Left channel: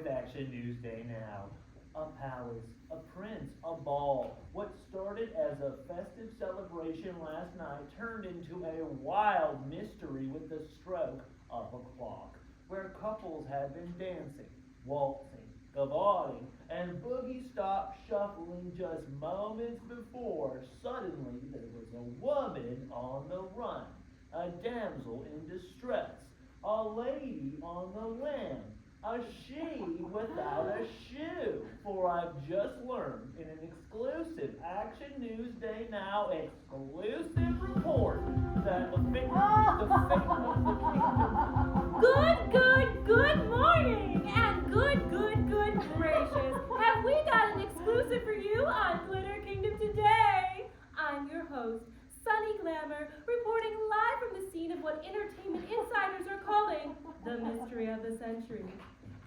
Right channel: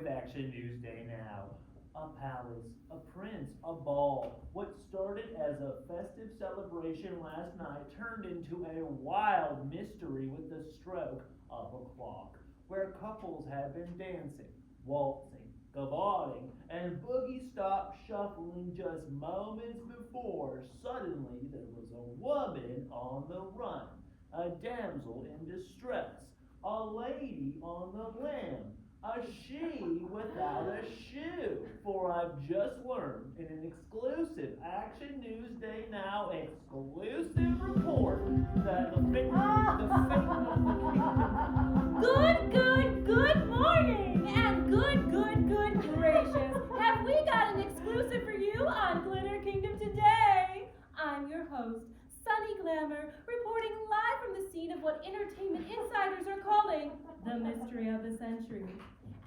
with Action Newsday now. A palace, a prince, a ball. What started as a festive celebration last night turned into a wild mystery with the stroke of a clock, where couples had been dancing, waltzing, gavodding, and boogie-stop shuffling just moments before. Suddenly there was a woman on the run, a damsel in distress, a lady on the lam, a she without a shoe. For I've just learned in an exclusive Action Newsday Now exclusive report that the victim of the kingdom. Good morning, and good gracious. Have we got an exclusive for you on Glitter Kingdom today? I'm your host, Sunny Glamour, reporting live from the scene of what entertainment insiders are calling the mystery of the century.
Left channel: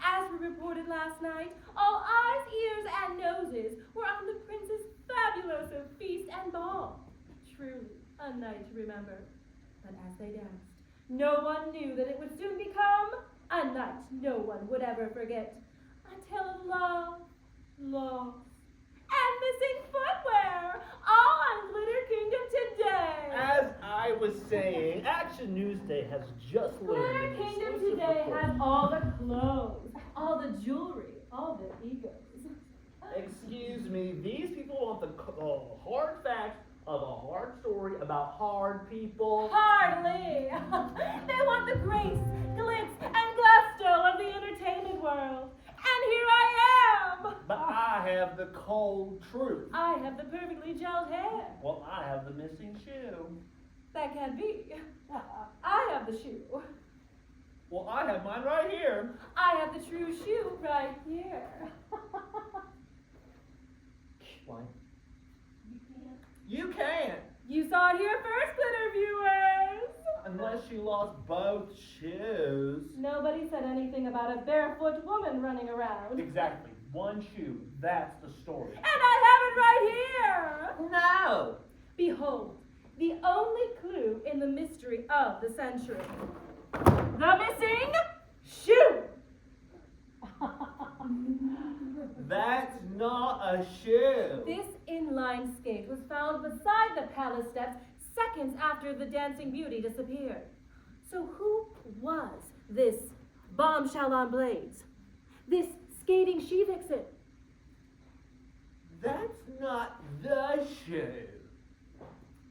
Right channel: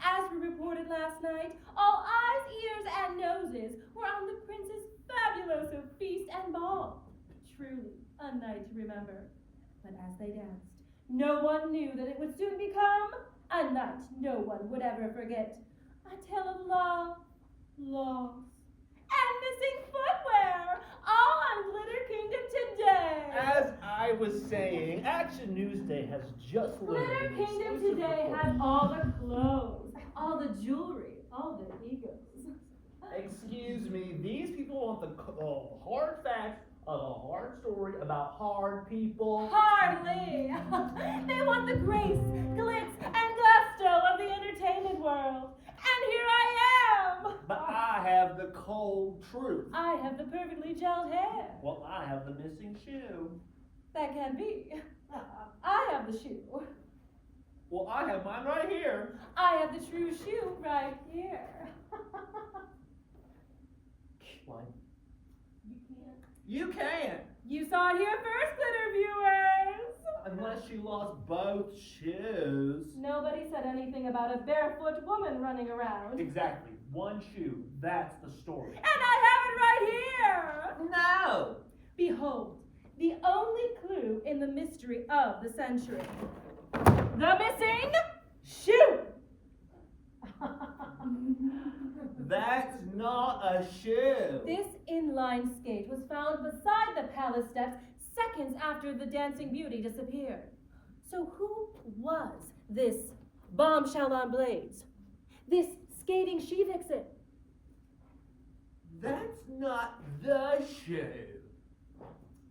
As we reported last night, all eyes, ears, and noses were on the prince's fabuloso feast and ball. Truly a night to remember. But as they danced, no one knew that it would soon become a night no one would ever forget. A tale of love, loss, and missing footwear, all on Glitter Kingdom today. As I was saying, Action Newsday has just learned. Glitter Kingdom today has all the clothes, all the jewelry, all their egos. Excuse me, these people want the hard facts of a hard story about hard people. Hardly. They want the grace, glitz, and gusto of the entertainment world. And here I am. But I have the cold truth. I have the perfectly gelled hair. Well, I have the missing shoe. That can't be. I have the shoe. Well, I have mine right here. I have the true shoe right here. Why? You can't. You saw it here first, Glitter viewers. Unless you lost both shoes. Nobody said anything about a barefoot woman running around. Exactly. One shoe. That's the story. And I have it right here. No. Behold, the only clue in the mystery of the century. The missing shoe. That's not a shoe. This inline skate was found beside the palace steps seconds after the dancing beauty disappeared. So who was this bombshell on blades? This skating she-vixen? That's not the shoe.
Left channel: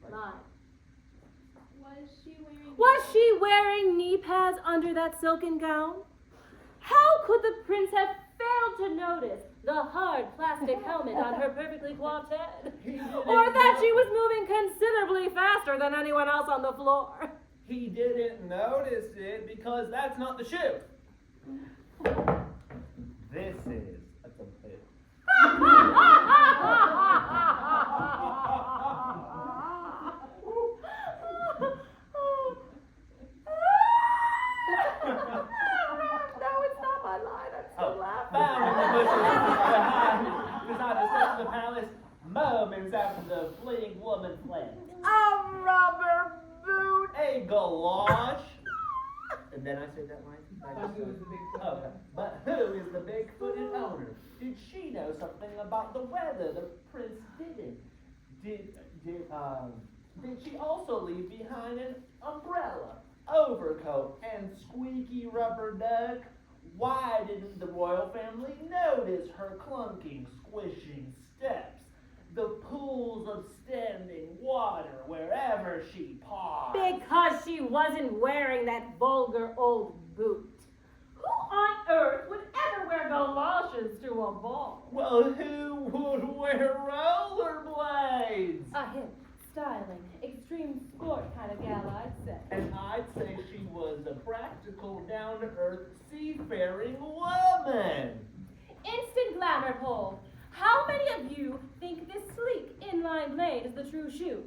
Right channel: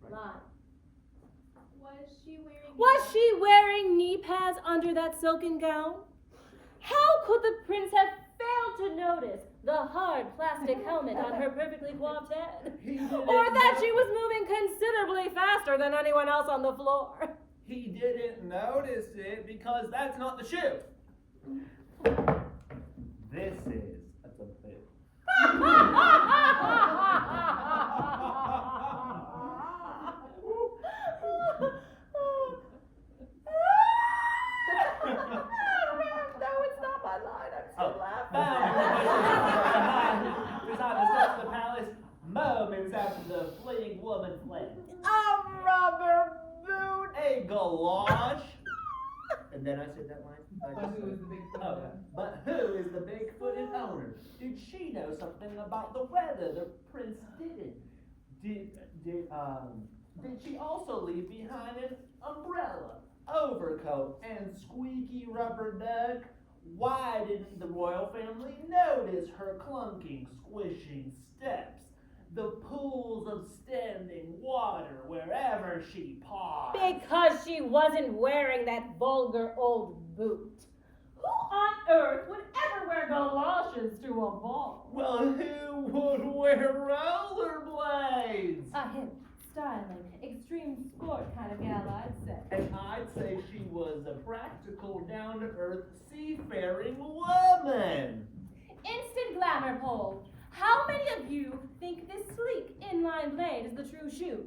Lie. Was Was she wearing knee pads under that silken gown? How could the prince have failed to notice the hard plastic helmet on her perfectly coiffed head? Or that she was moving considerably faster than anyone else on the floor? He didn't notice it because that's not the shoe. This is a complete. Beside the palace, moments after the fleeing woman fled. A rubber boot! A galosh. And then I said that line. But who is the big Oh, but who is the big-footed owner? Did she know something about the weather the prince didn't? Did she also leave behind an umbrella, overcoat, and squeaky rubber duck? Why didn't the royal family notice her clunking, squishing steps, the pools of standing water wherever she paused? Because she wasn't wearing that vulgar old boot. Who on earth would ever wear galoshes to a ball? Well, who would wear rollerblades? A hip, styling, extreme sport kind of gal, I'd say. And I'd say she was a practical, down-to-earth, seafaring woman. Instant glamour poll. How many of you think this sleek inline blade is the true shoe?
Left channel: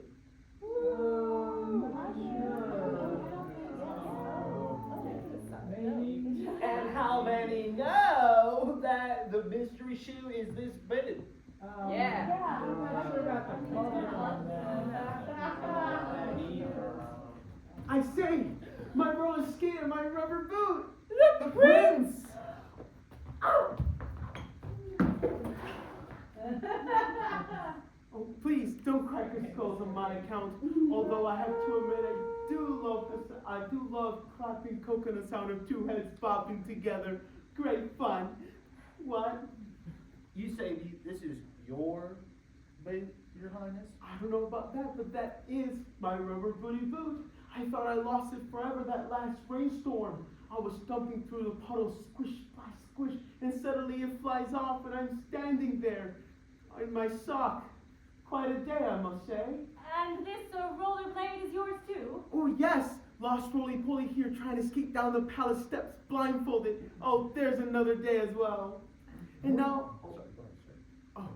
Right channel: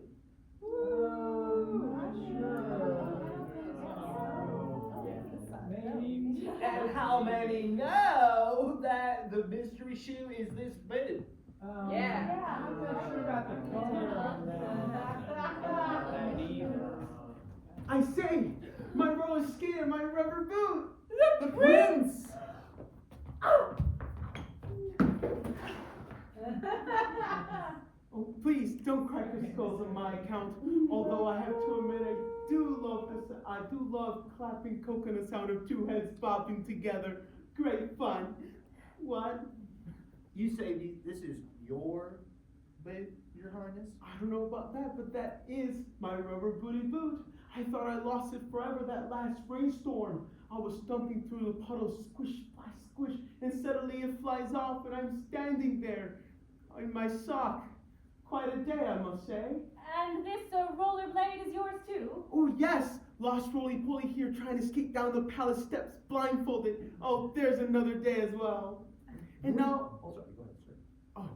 And how many know that the mystery shoe is this boot? Yeah. I'm not sure about the I say, my roller skater, my rubber boot. The prince! Oh, don't crack your skulls on my account. Although I have to admit, I do love clapping coconut sound of two heads bobbing together. Great fun. What? You say this is your boot, Your Highness? I don't know about that, but that is my rubber booty boot. I thought I lost it forever that last rainstorm. I was stumping through the puddles, squish by squish, and suddenly it flies off and I'm standing there in my sock. Quite a day, I must say. And this rollerblade is yours too? Oh yes, lost roly-poly here trying to skate down the palace steps blindfolded. Oh, there's another day as well. And now... Oh, sorry, go ahead, sir. Oh.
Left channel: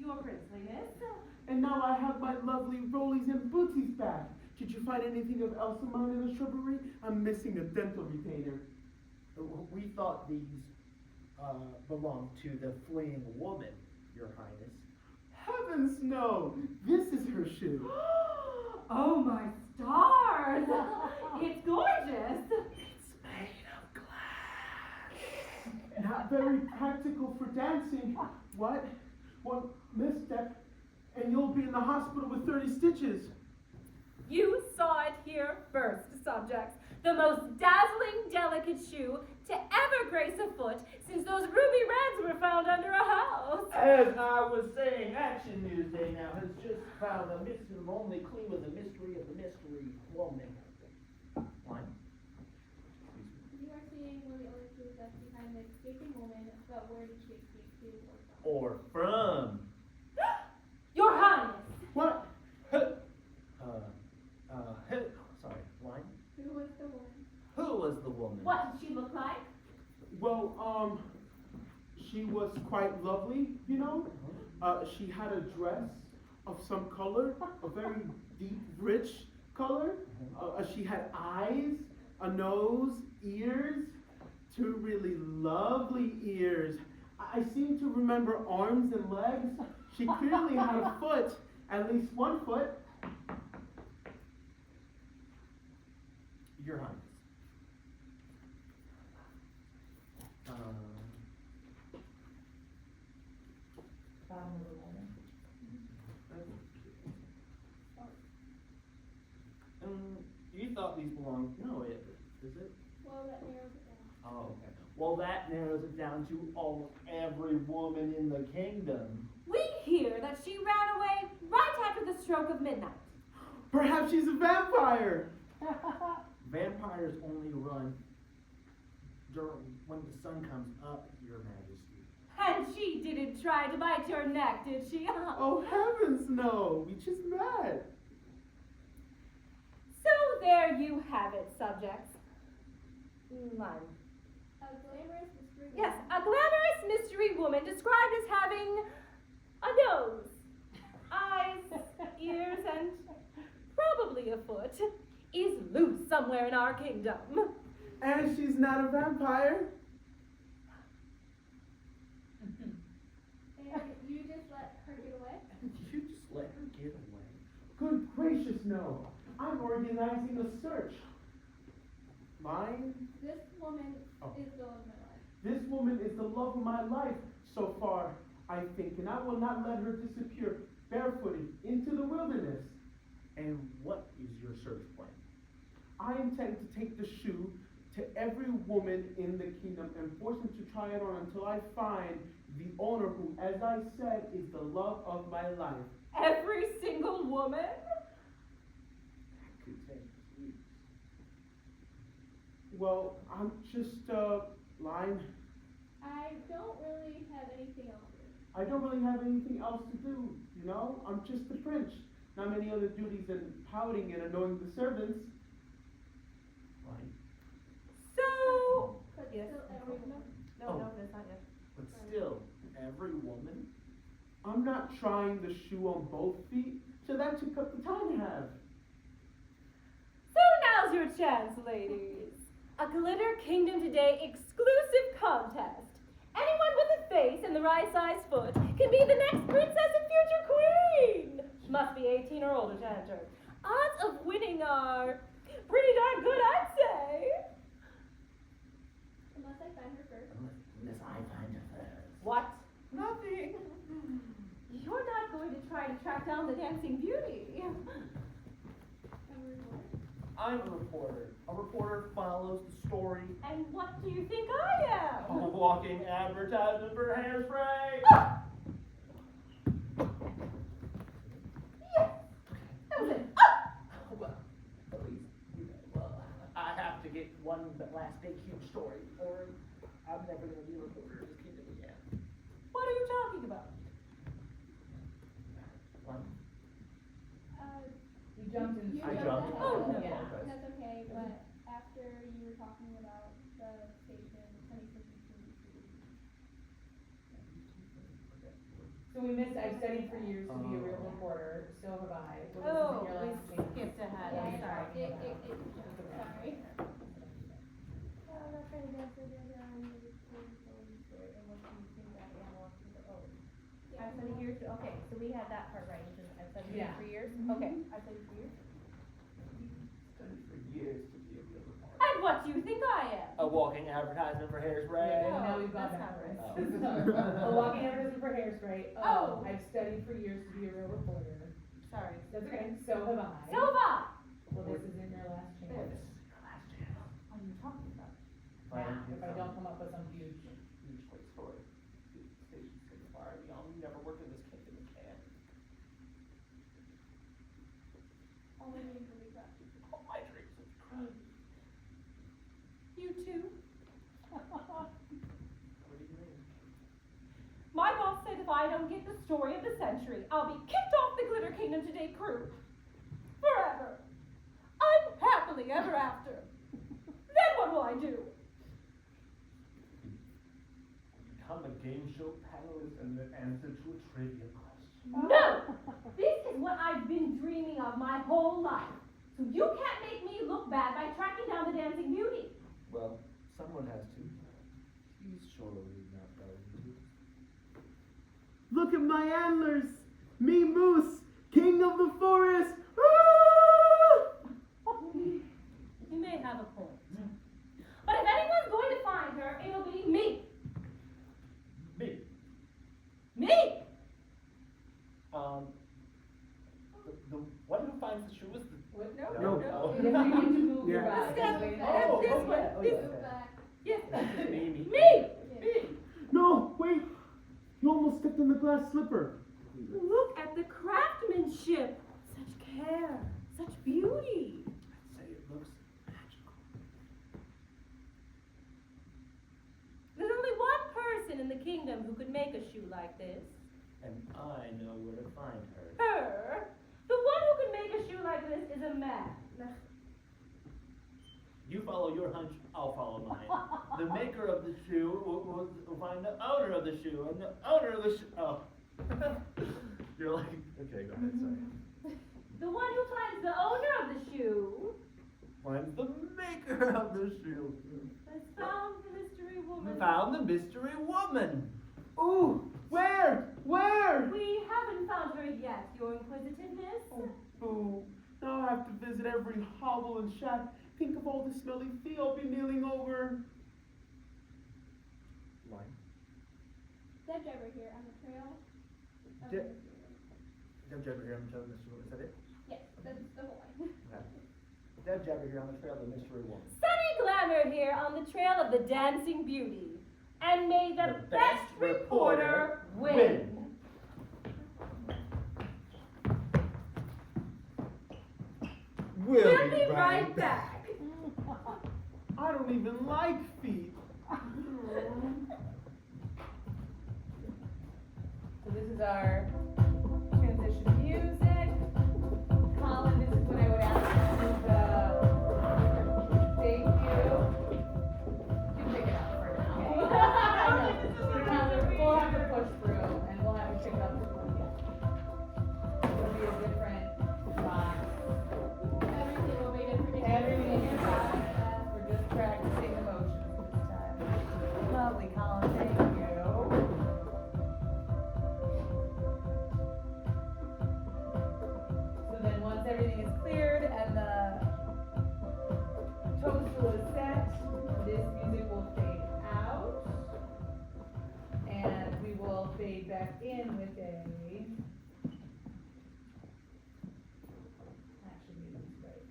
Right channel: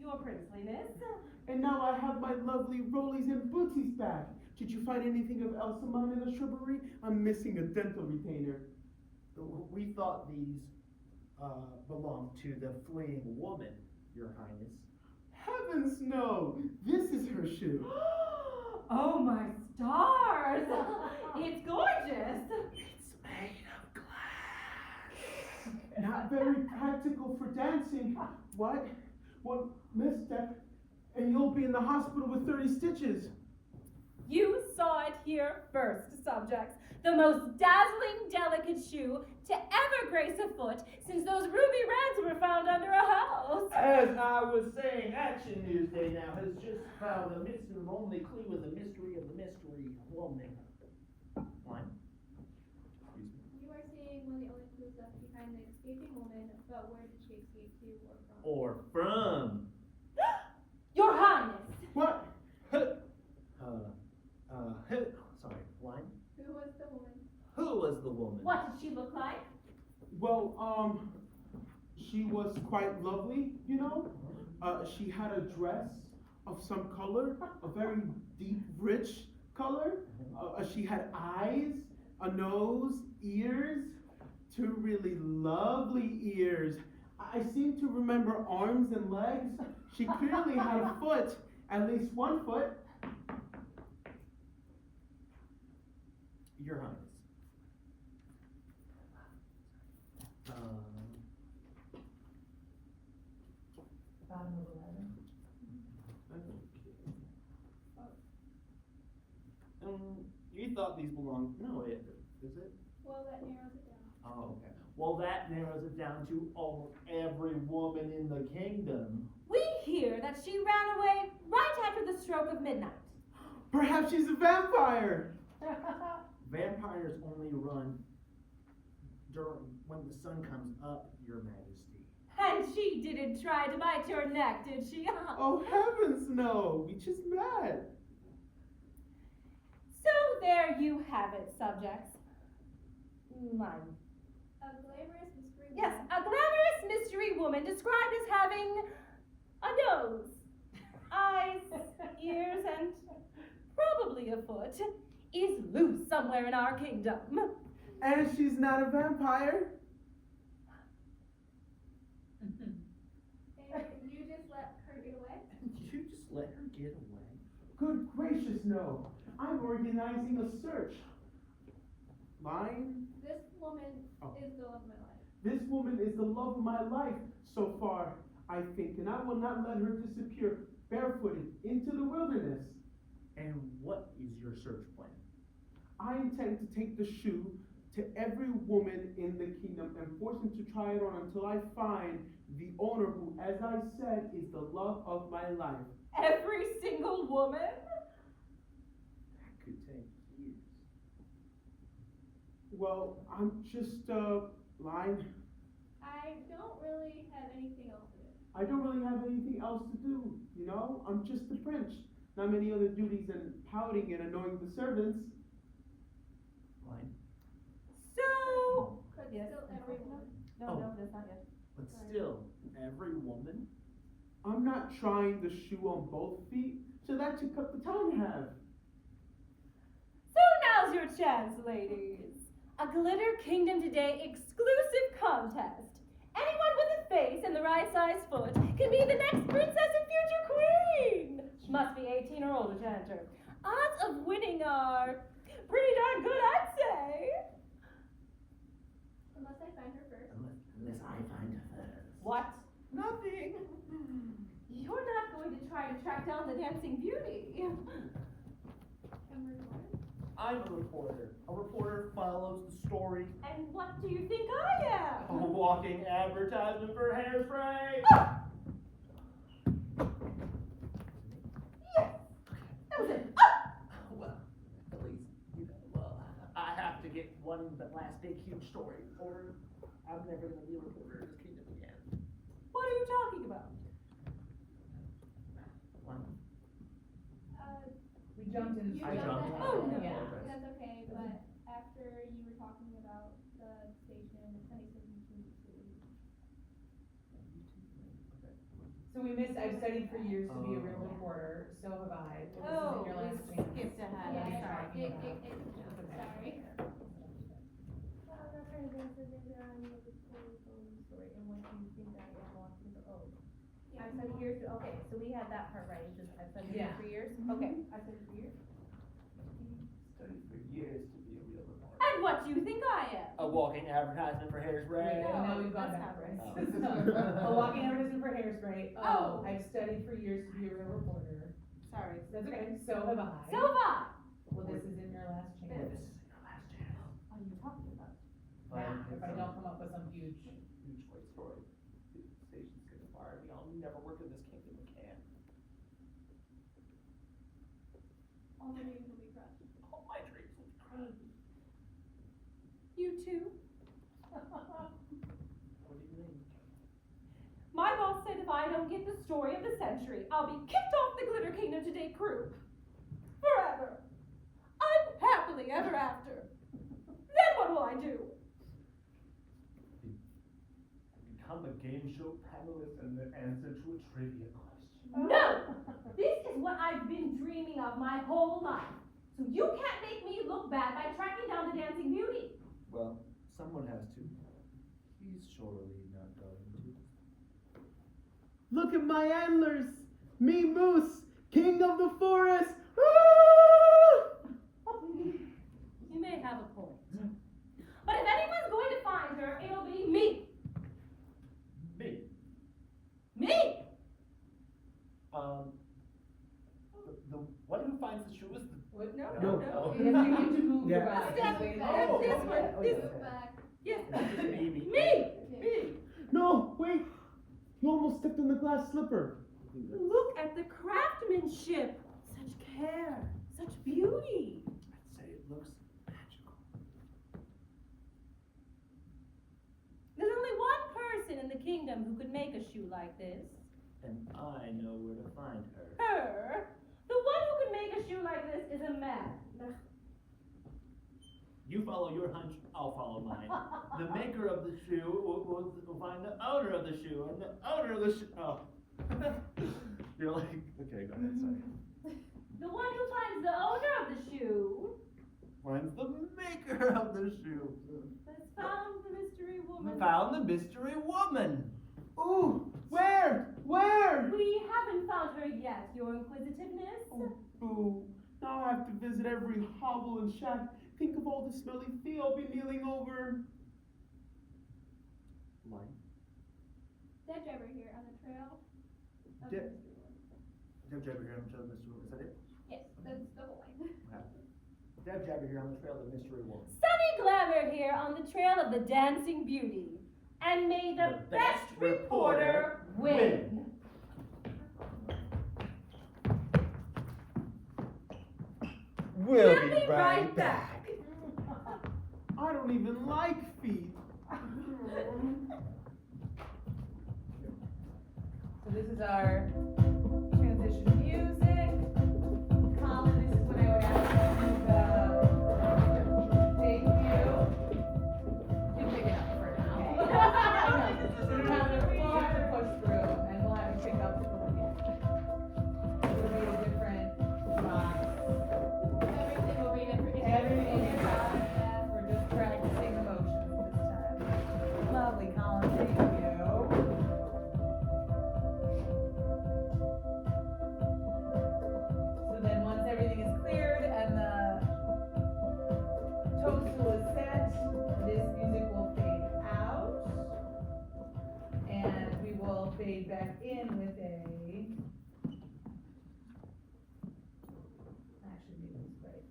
Your princeliness. And now I have my lovely rollies and booties back. Did you find anything of Elsamon in the shrubbery? I'm missing a dental retainer. We thought these belonged to the fleeing woman, Your Highness. Heavens no! This is her shoe. Oh my stars! It's gorgeous! It's made of glass. Not very practical for dancing. What? One misstep, and you'll be in the hospital with 30 stitches. You saw it here first, subjects. The most dazzling, delicate shoe to ever grace a foot since those ruby reds were found under a house. As I was saying, Action Newsday now has just found a missing only clue of the mystery woman. One. You are saying one of the only clues that's behind the escaping woman, but where did she escape to Or or from? from. Your Highness! What? Sorry, one. Who was the woman? Who was the woman? What did she look like? Well, she was quite lovely, you know. She had a dress of some color, a very deep, rich color. She had eyes, a nose, ears, two really lovely ears. I seem to remember arms and legs. She clearly had a foot, at least one foot. Your Highness. You thought these belonged. No, is it? Well, that narrows it down. Oh, okay. Well, that narrows it down to every woman in the kingdom. We hear that she ran away right after the stroke of midnight. Perhaps she's a vampire. Vampires only run when the sun comes up, Your Majesty. And she didn't try to bite your neck, did she? Oh heavens no, we just met. So there you have it, subjects. Mine. A glamorous mystery woman. Yes, a glamorous mystery woman described as having a nose, eyes, ears, and probably a foot, is loose somewhere in our kingdom. And she's not a vampire. And you just let her get away? You just let her get away. Good gracious no. I'm organizing a search. Mine? This woman Oh. is the love of my life. This woman is the love of my life so far, I think, and I will not let her disappear barefooted into the wilderness. And what is your search plan? I intend to take the shoe to every woman in the kingdom and force them to try it on until I find the owner who, as I said, is the love of my life. Every single woman? Could take years. Well, I'm just, lying. I don't really have anything else to do. I don't really have anything else to do, you know? I'm just a prince. Not many other duties than pouting and annoying the servants. Right? So... But Yes. still every woman. No, Oh. no, that's not yet. But still, every woman? I'm not trying the shoe on both feet, so that took up the time I have. So now's your chance, ladies. A Glitter Kingdom Today exclusive contest. Anyone with a face and the right size foot can be the next princess and future queen. Must be 18 or older to enter. Odds of winning are pretty darn good, I'd say. Unless I find her first. Unless I find her first. What? Nothing. You're not going to I'm a reporter. A reporter follows the story. And what do you think I A am? walking advertisement for hairspray. Ah! Yes, that was it. Ah! Well, at least, well, I have to get one last big huge story, or I'm never going to be a reporter in this kingdom again. What are you talking about? We jumped in. You I jumped jumped in. in. Oh, no. Yeah, Okay. that's okay, but after you were talking about the station, Sunny said you changed it to. So we missed, I've studied for years to be a real reporter, so have I. But this Oh, is in your we last chance. skipped ahead. I'm Yeah, sorry. sorry. I'm not trying to answer the other end of the story, and what you think I am watching the O. I've studied years, okay, so we had that part right, just I've studied Yeah. for years, okay, I've studied for years. Studied for years to be a real reporter. And what do you think I am? A walking advertisement for hairspray. And now Oh, we've gone that's not backwards. right. A walking advertisement for hairspray. Oh. I've studied for years to be a real reporter. Sorry. That's okay, so have I. So have I. Well, this isn't your last chance. Last chance. What are you talking about? Now, if I don't come up with some huge. Huge great story. The station's gonna fire me. I'll never work in this kingdom again. Only you can be proud. All my dreams have crushed. You too? What do you mean? My boss said if I don't get the story of the century, I'll be kicked off the Glitter Kingdom Today crew. Forever. Unhappily ever after. Then what will I do? Become a game show panelist and then answer to a trivia question. No! This is what I've been dreaming of my whole life. So you can't make me look bad by tracking down the dancing beauty. Well, someone has to. He's surely not going to. Look at my antlers! Me Moose, king of the forest! You may have a point. But if anyone's going to find her, it'll be me. Me. Me! The one who finds the shoe is the. What? No. Oh. You have to move your Yeah. body. Step, Wait, step oh, this okay. way. Oh, This yeah. Go back. Yes. Me. Me! No, wait! You almost stepped on the glass slipper. Look at the craftsmanship. Such care, such beauty. I'd say it looks magical. There's only one person in the kingdom who could make a shoe like this. And I know where to find her. Her. The one who could make a shoe like this is a man. You follow your hunch, I'll follow mine. The maker of the shoe will find the owner of the shoe, and the owner of the shoe. Oh. You're like, okay, go ahead, sorry. The one who finds the owner of the shoe Finds the maker of the shoe. has found the mystery woman. Found the mystery woman. Ooh, where? Where? We haven't found her yet, your inquisitiveness. Ooh, now I have to visit every hovel and shack. Think of all the smelly feet I'll be kneeling over. Why? Dead driver here on the trail. of Dead- the mystery woman. Deb Jabber here on the trail of the mystery woman. Is that it? Yes, that's the whole line. Deb Jabber here on the trail of the mystery woman. Sunny Glamour here on the trail of the dancing beauty. And may the, best reporter win. We'll be right back. I don't even like feet. So this is our transition music. Colin, this is when I would ask you to thank you. You can pick it up for now. We'll have to push through and we'll have it pick up before we get. It'll be a different box. Everything will be different. Everything is Yeah. We're just practicing emotions this time. Lovely, Colin, thank you. So then once everything is cleared and the toadstool is set, this music will fade out. And we will fade back in with a. Actually, music's right.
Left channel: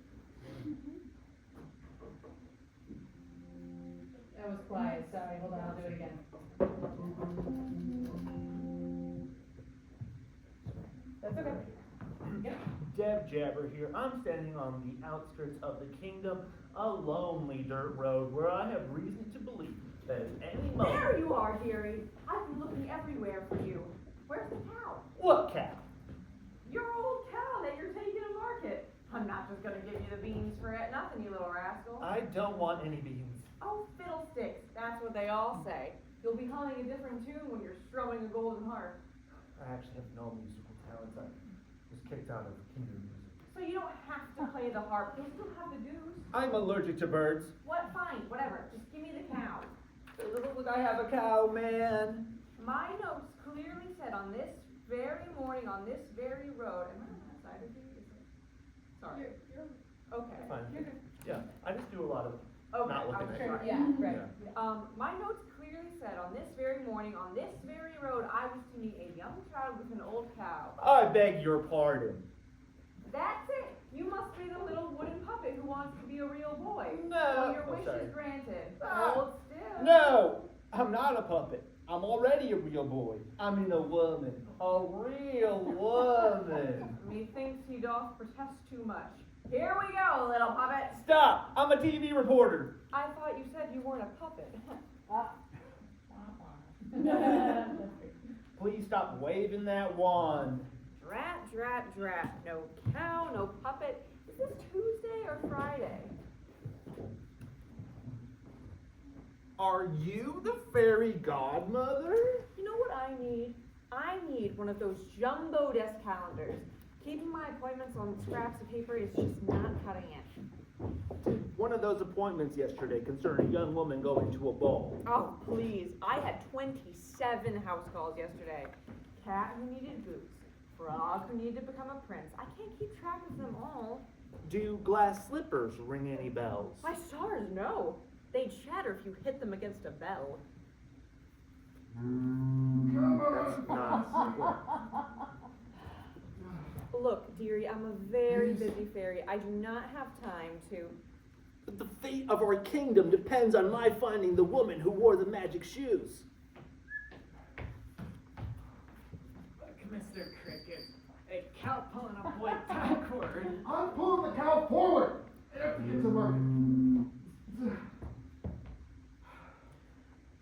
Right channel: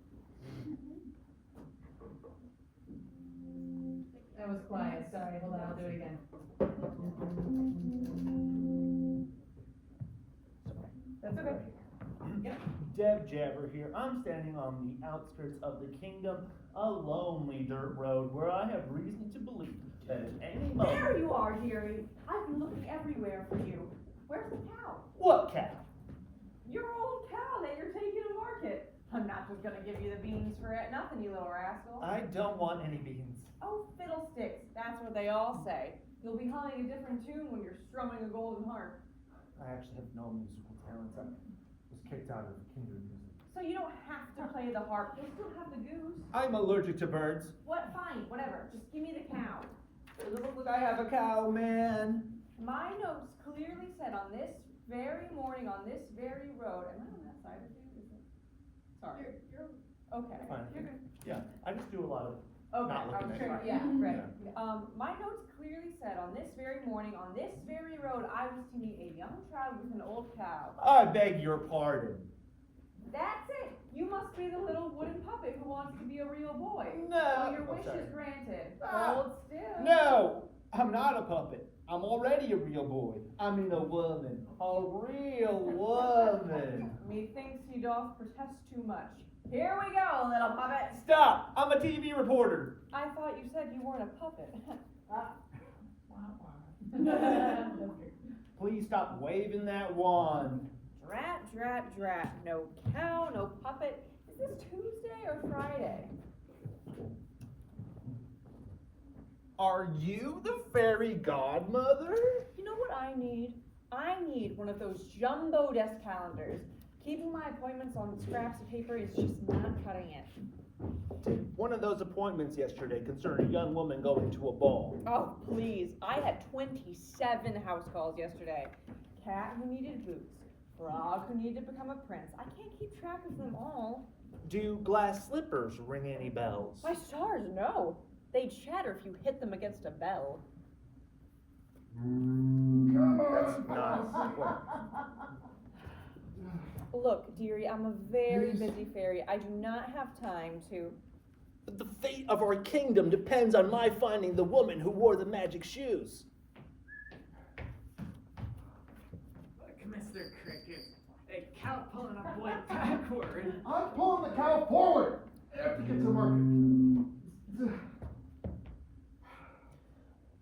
Deb Jabber here. I'm standing on the outskirts of the kingdom, a lonely dirt road where I have reason to believe that at any moment... There you are, dearie. I've been looking everywhere for you. Where's the cow? What cow? Your old cow that you're taking to market. I'm not just gonna give you the beans for it. Nothing, you little rascal. I don't want any beans. Oh, fiddlesticks. That's what they all say. You'll be humming a different tune when you're strumming a golden harp. I actually have no musical talents. I was kicked out of kingdom music. So you don't have to play the harp. You'll still have the goose. I'm allergic to birds. What? Fine, whatever. Just give me the cow. Look, I have a cow, man. My notes clearly said on this very morning, on this very road. Am I on that side of you? Is it? Sorry. You're Okay. Fine. You're good. Yeah, I just do a lot of Okay. not looking I'm at sure. it. Yeah. Right. Yeah. My notes clearly said on this very morning, on this very road, I was to meet a young child with an old cow. I beg your pardon. That's it. You must be the little wooden puppet who wants to be a real boy. No. Well, your Oh, wish sorry. is granted. Ah. Hold still. No, I'm not a puppet. I'm already a real boy. I mean a woman. A real woman. Methinks he doth protest too much. Here we go, little puppet. Stop! I'm a TV reporter. I thought you said you weren't a puppet. Please stop waving that wand. Drat, drat, drat. No cow, no puppet. Is this Tuesday or Friday? Are you the fairy godmother? You know what I need? I need one of those jumbo desk calendars. Keeping my appointments on scraps of paper is just not cutting it. Did one of those appointments yesterday concern a young woman going to a ball? Oh, please. I had 27 house calls yesterday. Cat who needed boots. Frog who needed to become a prince. I can't keep track of them all. Do glass slippers ring any bells? My stars, no. They shatter if you hit them against a bell. That's not what. Look, dearie, I'm a very busy fairy. I do not have time to... The fate of our kingdom depends on my finding the woman who wore the magic shoes. Look, Mr. Cricket, a cow pulling a boy backward. I'm pulling the cow forward. I have to get to market.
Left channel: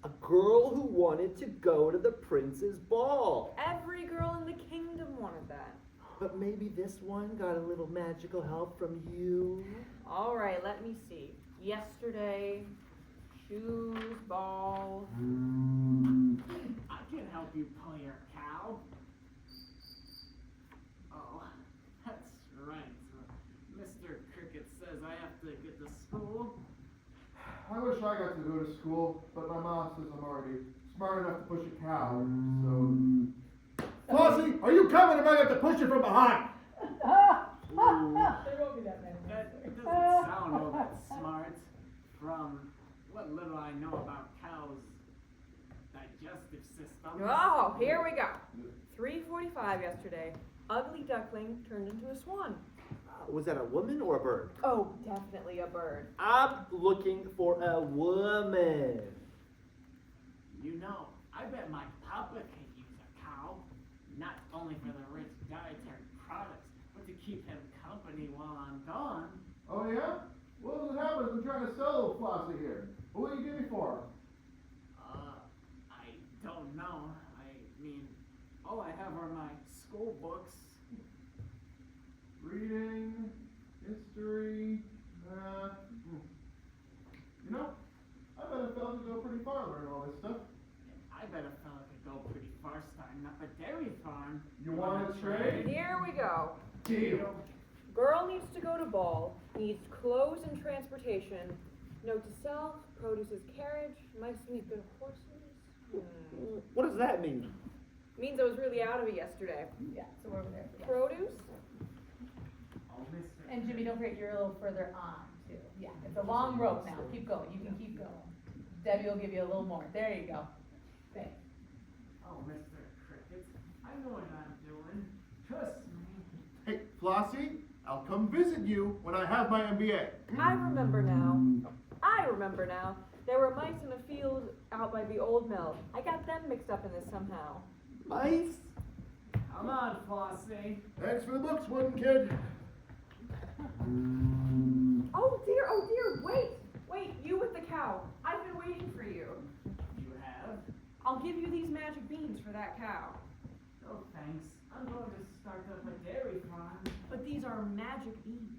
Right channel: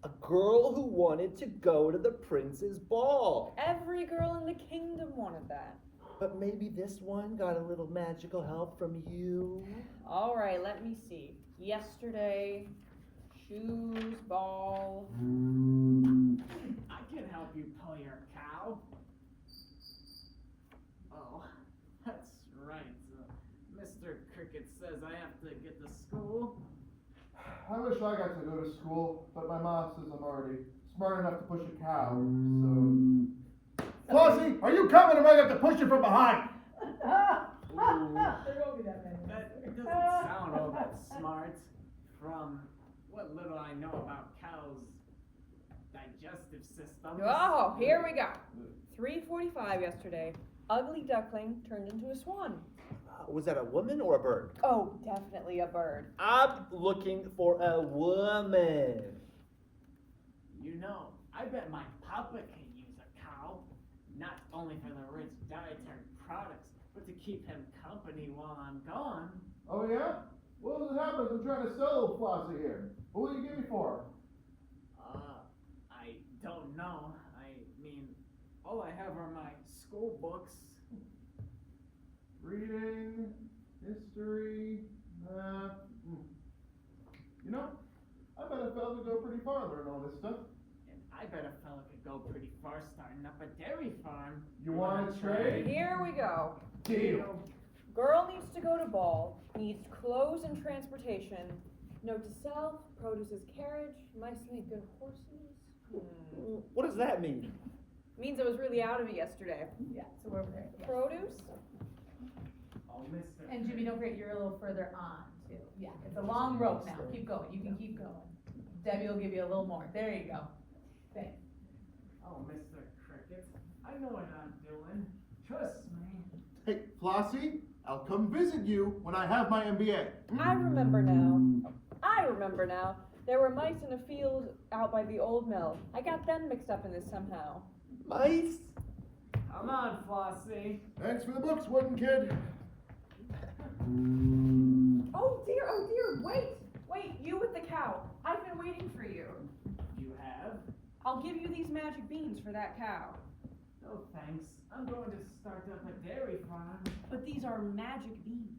A girl who wanted to go to the prince's ball. Every girl in the kingdom wanted that. But maybe this one got a little magical help from you. All right, let me see. Yesterday, shoes, ball. I can help you pull your cow. Oh, that's right. Mr. Cricket says I have to get to school. I wish I got to go to school, but my mom says I'm already smart enough to push a cow, so... Flossie, are you coming or am I going to push you from behind? That doesn't sound all that smart. From what little I know about cows' digestive systems. Oh, here we go. 3:45 yesterday. Ugly duckling turned into a swan. Was that a woman or a bird? Oh, definitely a bird. I'm looking for a woman. You know, I bet my papa can use a cow. Not only for the rich dietary products, but to keep him company while I'm gone. Oh, yeah? What does it happen if I'm trying to sell little Flossie here? What will you give me for her? I don't know. I mean, all I have are my school books. Reading, history, math. You know, I bet a fella could go pretty far learning all this stuff. And I bet a fella could go pretty far starting up a dairy farm. You want to trade? Here we go. Deal. Girl needs to go to ball, needs clothes and transportation. Note to self, produces carriage, mice make good horses. What does that mean? Means I was really out of it yesterday. Yeah, so we're over there. Produce? Oh, Mr. And Jimmy, don't forget, you're a little further on too. Yeah, it's a long rope now. Keep going. You can keep going. Debbie will give you a little more. There you go. Thanks. Oh, Mr. Cricket, I know what I'm doing. Trust me. Hey, Flossie, I'll come visit you when I have my MBA. I remember now. I remember now. There were mice in a field out by the old mill. I got them mixed up in this somehow. Mice? Come on, Flossie. Thanks for the books, wooden kid. Oh dear, wait, you with the cow. I've been waiting for you. You have? I'll give you these magic beans for that cow. No thanks. I'm going to start up a dairy farm. But these are magic beans.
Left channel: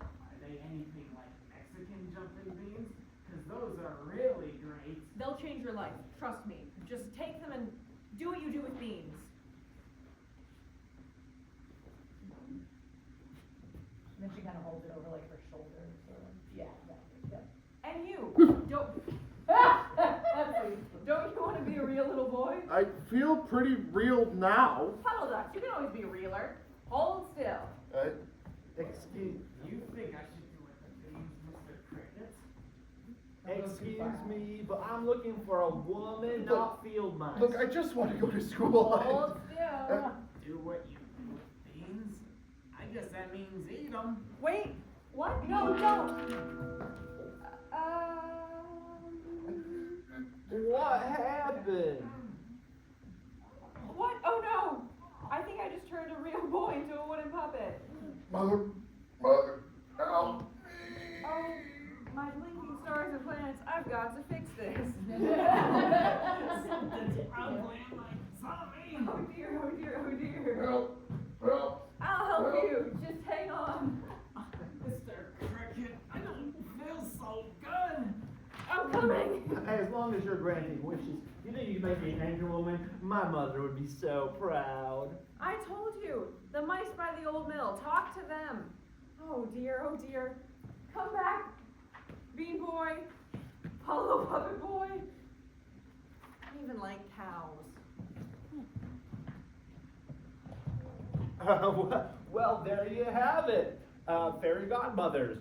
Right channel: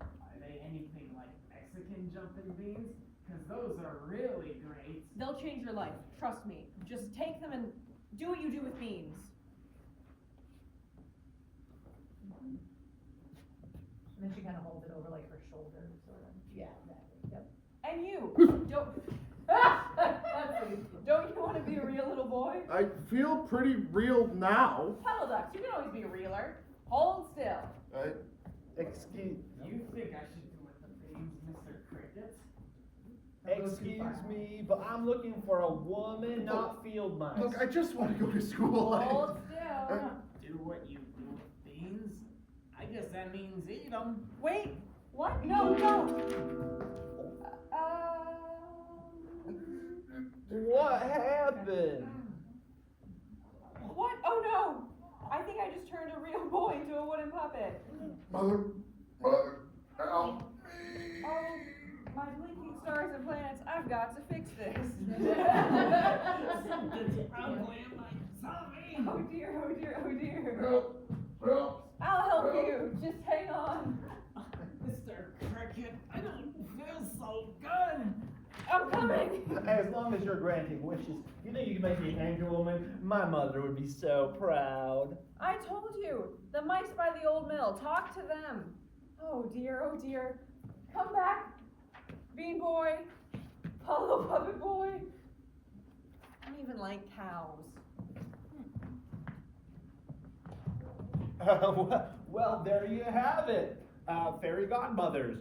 Are they anything like Mexican jumping beans? Because those are really great. They'll change your life, trust me. Just take them and do what you do with beans. And then she kind of holds it over like her shoulder, sort of. Yeah, exactly. Yep. And you, don't you want to be a real little boy? I feel pretty real now. Puddle ducks, you can always be a realer. Hold still. Excuse You think I should do with the beans, Mr. Cricket? Excuse me, but I'm looking for a woman, not field mice. Look, I just want to go to school. Hold still. Do what you do with beans? I guess that means eat them. Wait, what? No, don't. What happened? What? Oh no! I think I just turned a real boy into a wooden puppet. Mother, help me. Oh, my blinking stars and planets, I've got to fix this. Something's ugly in my tummy. Oh dear, oh dear, oh dear. Help. I'll help you, just hang on. Mr. Cricket, I don't feel so good. I'm coming. As long as you're granting wishes, you think you can make me an angel woman? My mother would be so proud. I told you, the mice by the old mill, talk to them. Oh dear, oh dear. Come back, bean boy, Polo puppet boy. I don't even like cows. Well, there you have it. Fairy godmothers,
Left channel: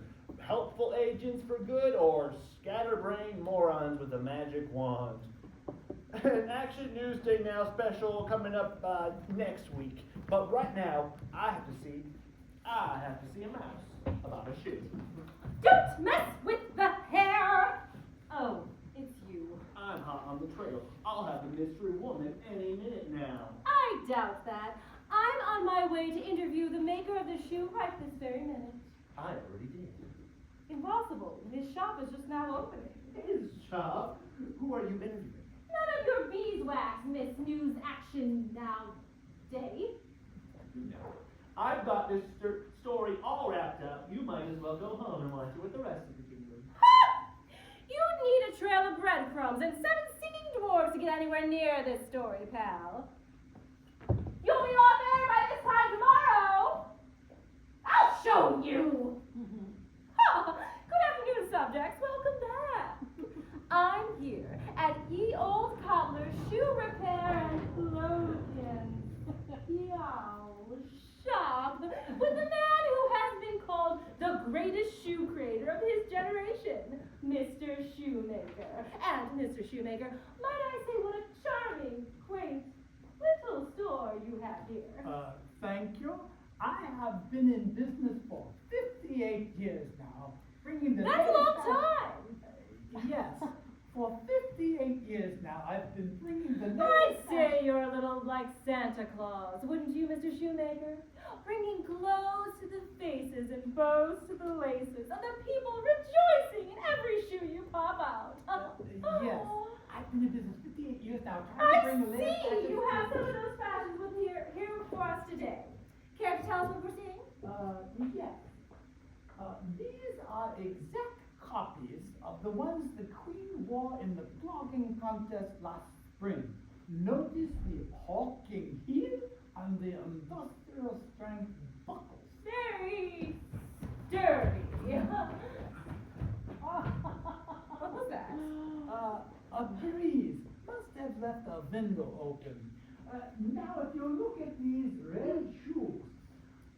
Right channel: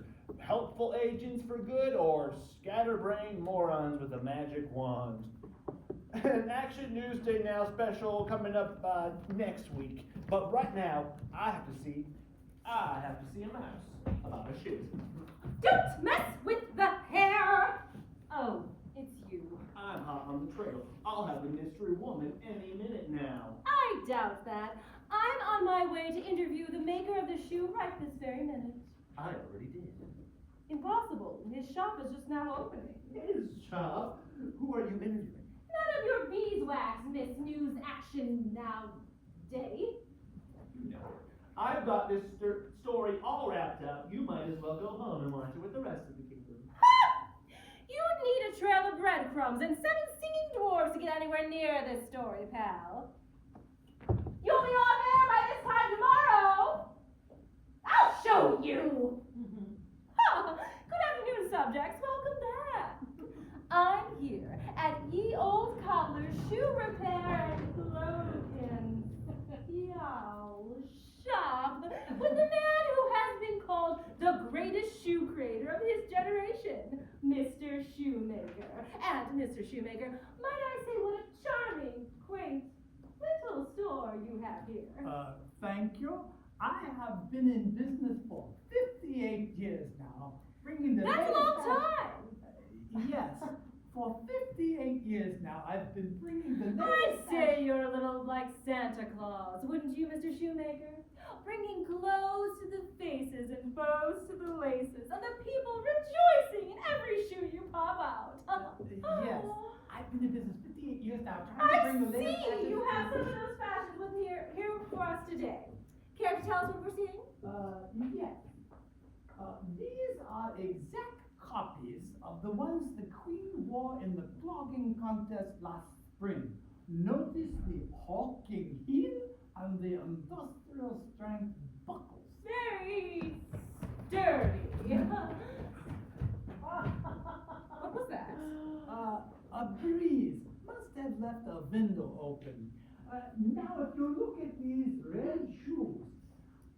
helpful agents for good, or scatterbrained morons with a magic wand. An Action Newsday Now special coming up next week. But right now, I have to see a mouse about a shoe. Don't mess with the hair! Oh, it's you. I'm hot on the trail. I'll have a mystery woman any minute now. I doubt that. I'm on my way to interview the maker of the shoe right this very minute. I already did. Impossible. His shop is just now opening. His shop? Who are you interviewing? None of your beeswax, Miss News Action Now Day. No. I've got this story all wrapped up. You might as well go home and watch it with the rest of the kingdom. Ha! You'd need a trail of breadcrumbs and 7 singing dwarves to get anywhere near this story, pal. You'll be on air by this time tomorrow. I'll show you. Good afternoon, subjects. Welcome back. I'm here at Ye Old Cobbler's Shoe Repair and Clothing shop with the man who has been called the greatest shoe creator of his generation, Mr. Shoemaker. And Mr. Shoemaker, might I say what a charming, quaint, little store you have here. Thank you. I have been in business for 58 years now, bringing the That's a latest long time. Yes, for 58 years now, I've been bringing the I'd latest say you're a little like Santa Claus, wouldn't you, Mr. Shoemaker? Bringing clothes to the faces and bows to the laces of the people rejoicing in every shoe you pop out. Yes, I've been in business 58 years now, trying to I bring the latest see you fashion have to some of the- those fashions with here for us today. Care to tell us what we're seeing? Yes. These are exact copies of the ones the Queen wore in the flogging contest last spring. Notice the hulking heel and the industrial strength buckles. Very sturdy. What was that? A breeze must have left a window open. Now, if you look at these red shoes,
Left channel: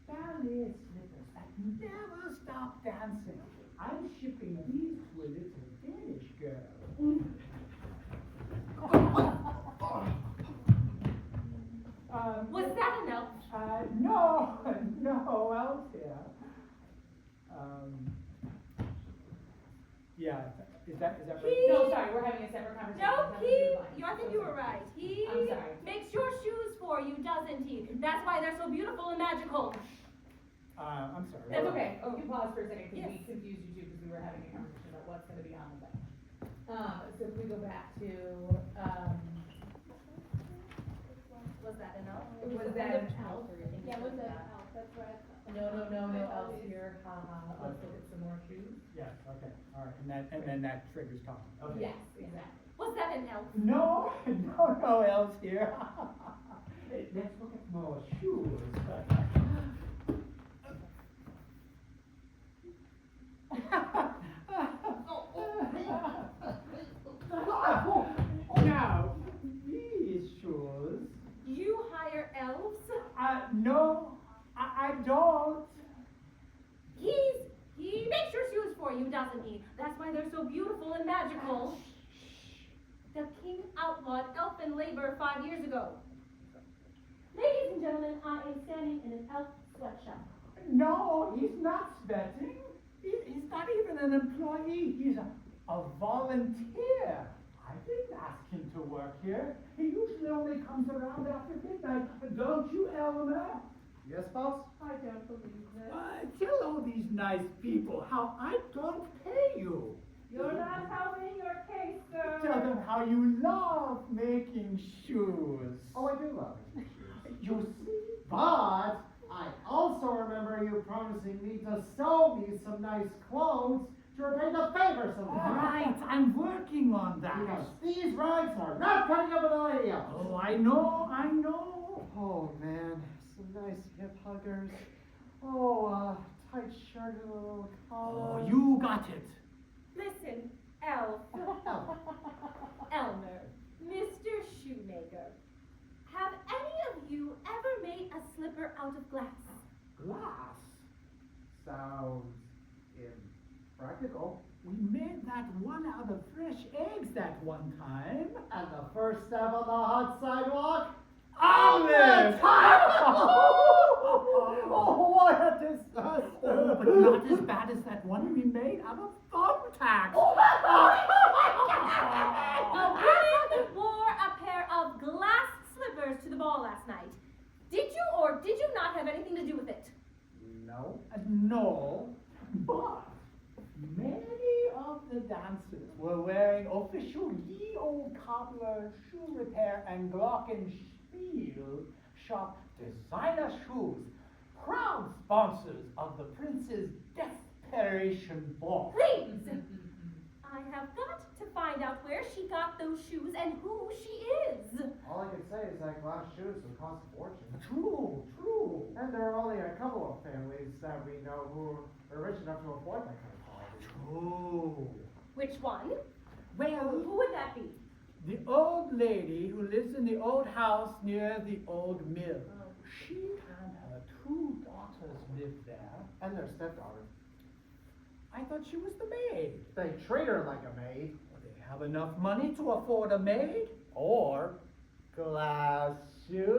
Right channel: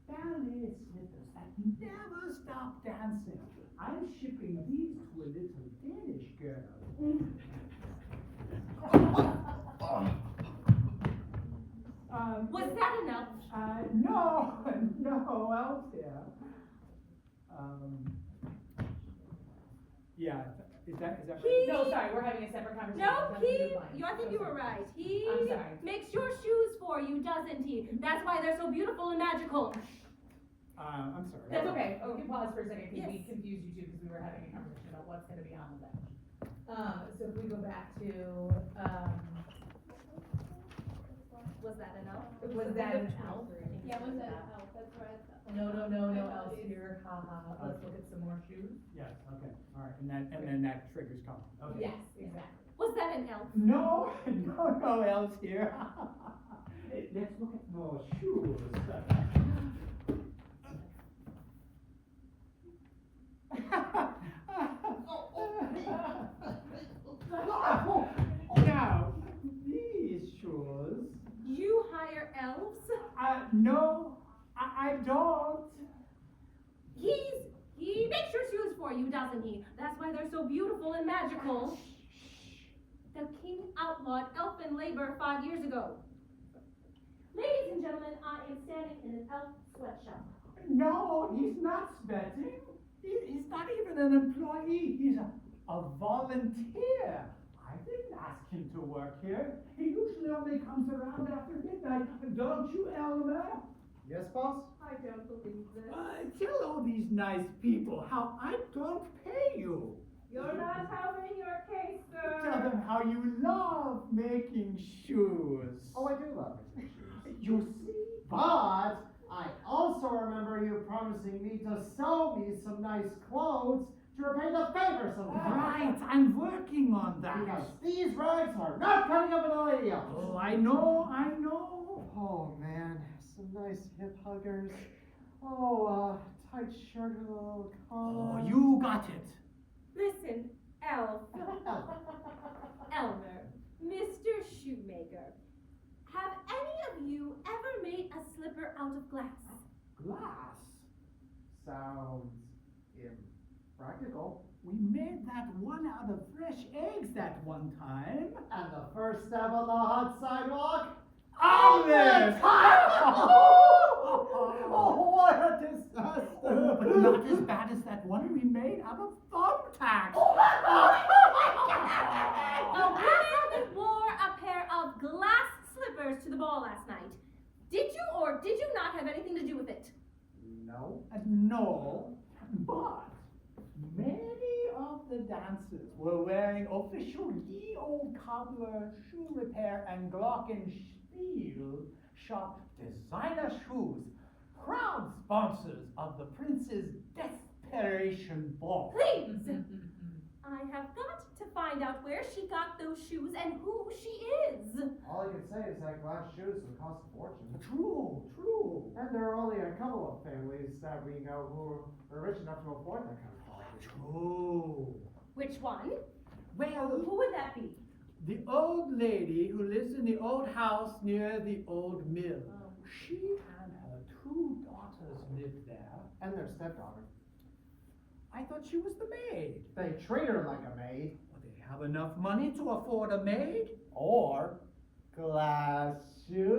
ballet slippers that never stop dancing. I'm shipping these to a little Danish girl. Was that enough? No, out there. Yeah, is that right? No, sorry, we're having a separate conversation. No, Nothing to do with mine. I think So you were sorry. right. He I'm sorry. makes your shoes for you, doesn't he? That's why they're so beautiful and magical. I'm sorry. That's okay, we can pause for a second, because we Yes. confused you too, because we were having a conversation about what's gonna be on the badge. So if we go back to, Was that an elf? was that an elf? Yeah, was that an elf? That's where I thought. No else here, haha, let's look at some more shoes. Yes, okay, all right, and then that triggers Colin. Okay. Yes, exactly. Was that an elf? No, no else here. Let's look at more shoes. Now, these shoes, You hire elves? no, I don't. He makes your shoes for you, doesn't he? That's why they're so beautiful and magical. The king outlawed elfin labor 5 years ago. Ladies and gentlemen, I am standing in an elf sweatshop. No, he's not sweating. He's not even an employee. He's a volunteer. I didn't ask him to work here. He usually only comes around after midnight. Don't you, Elmer? Yes, boss? I don't believe this. Tell all these nice people how I don't pay you. You're not helping your case, sir. Tell them how you love making shoes. Oh, I do love it. You see? But I also remember you promising me to sew me some nice clothes to repay the favor sometime. Right, I'm working on that. Because these rides are not coming up with a lady else. Oh, I know. Oh man, some nice hip huggers. Oh, tight shirt and a little collar. Oh, you got it. Listen, elf. Elmer, Mr. Shoemaker. Have any of you ever made a slipper out of glass? Glass. Sounds impractical. We made that one out of fresh eggs that one time. And the first step on the hot sidewalk? Omelette! Oh, what a disaster! Oh, but not as bad as that one we made out of thumbtacks. A woman wore a pair of glass slippers to the ball last night. Did you or did you not have anything to do with it? No. No, but many of the dancers were wearing official ye old cobbler shoe repair and glockenspiel shop designer shoes, proud sponsors of the Prince's Desperation Ball. Please! I have got to find out where she got those shoes and who she is. All I can say is that glass shoes would cost a fortune. True. And there are only a couple of families that we know who are rich enough to afford that kind of quality. True. Which one? Well, Who would that be? the old lady who lives in the old house near the old mill. She and her 2 daughters live there. And their stepdaughter. I thought she was the maid. They treat her like a maid. They have enough money to afford a maid? Or glass shoes.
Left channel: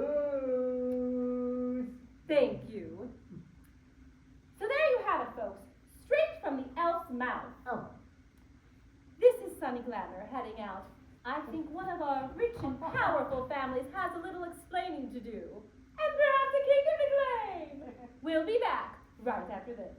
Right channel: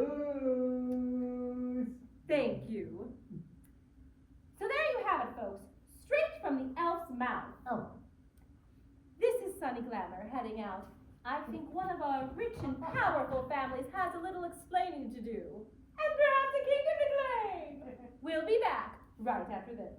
Thank you. So there you have it, folks. Straight from the elf's mouth. Oh. This is Sunny Glamour heading out. I think one of our rich and powerful families has a little explaining to do. And perhaps a kingdom to claim. We'll be back right after this.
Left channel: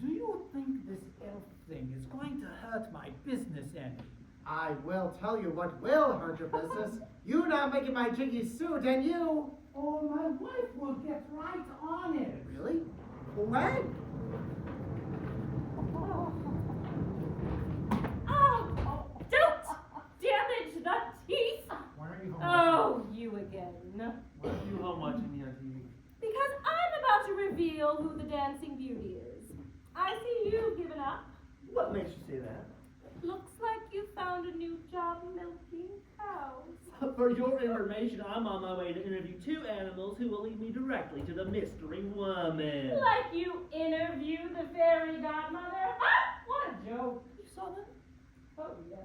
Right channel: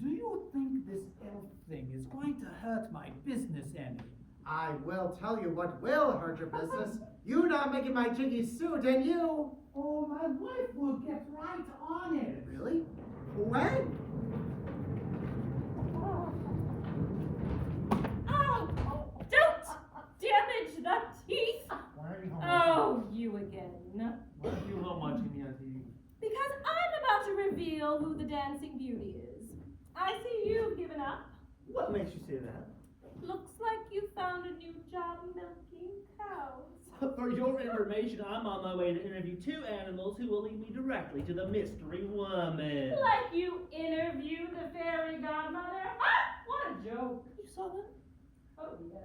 Do you think this elf thing is going to hurt my business any? I will tell you what will hurt your business. You not making my jiggy suit, and you. Oh, my wife will get right on it. Really? When? Oh, don't damage the teeth. Why aren't you home? Oh, you again. Why are you home watching the TV? Because I'm about to reveal who the dancing beauty is. I see you've given up. What makes you say that? Looks like you found a new job milking cows. For your information, I'm on my way to interview 2 animals who will lead me directly to the mystery woman. Like you interviewed the fairy godmother? Ah, what a joke. You saw that? Oh, yes.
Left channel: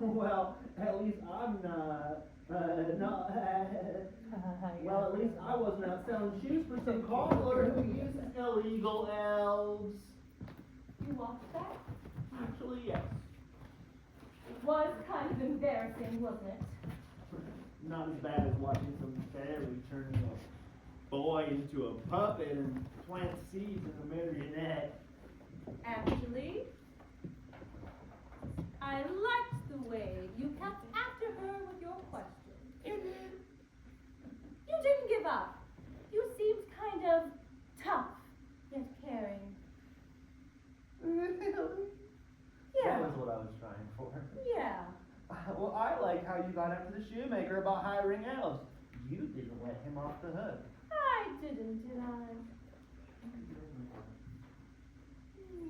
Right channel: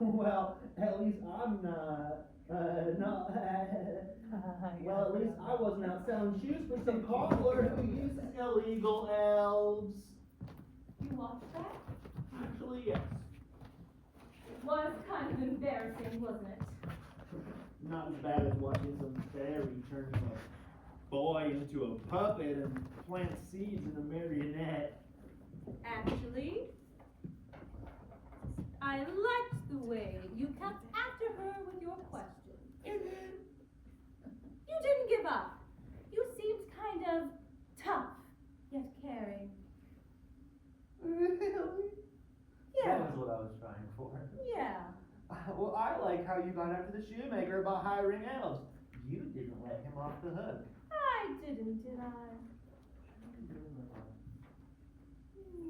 Well, at least I'm not. Well, at least I wasn't out selling shoes for some cobbler who uses illegal elves. You watched that? Actually, yes. It was kind of embarrassing, wasn't it? Not as bad as watching some fairy turn into a boy way into a puppet and plant seeds in a marionette. Actually, I liked the way you kept after her with your questions. You didn't give up. You seemed kind of tough, yet caring. Really? Yeah. That was what I was trying for. Yeah. Well, I like how you got after the shoemaker about hiring elves. You didn't let him off the hook. I didn't, did I?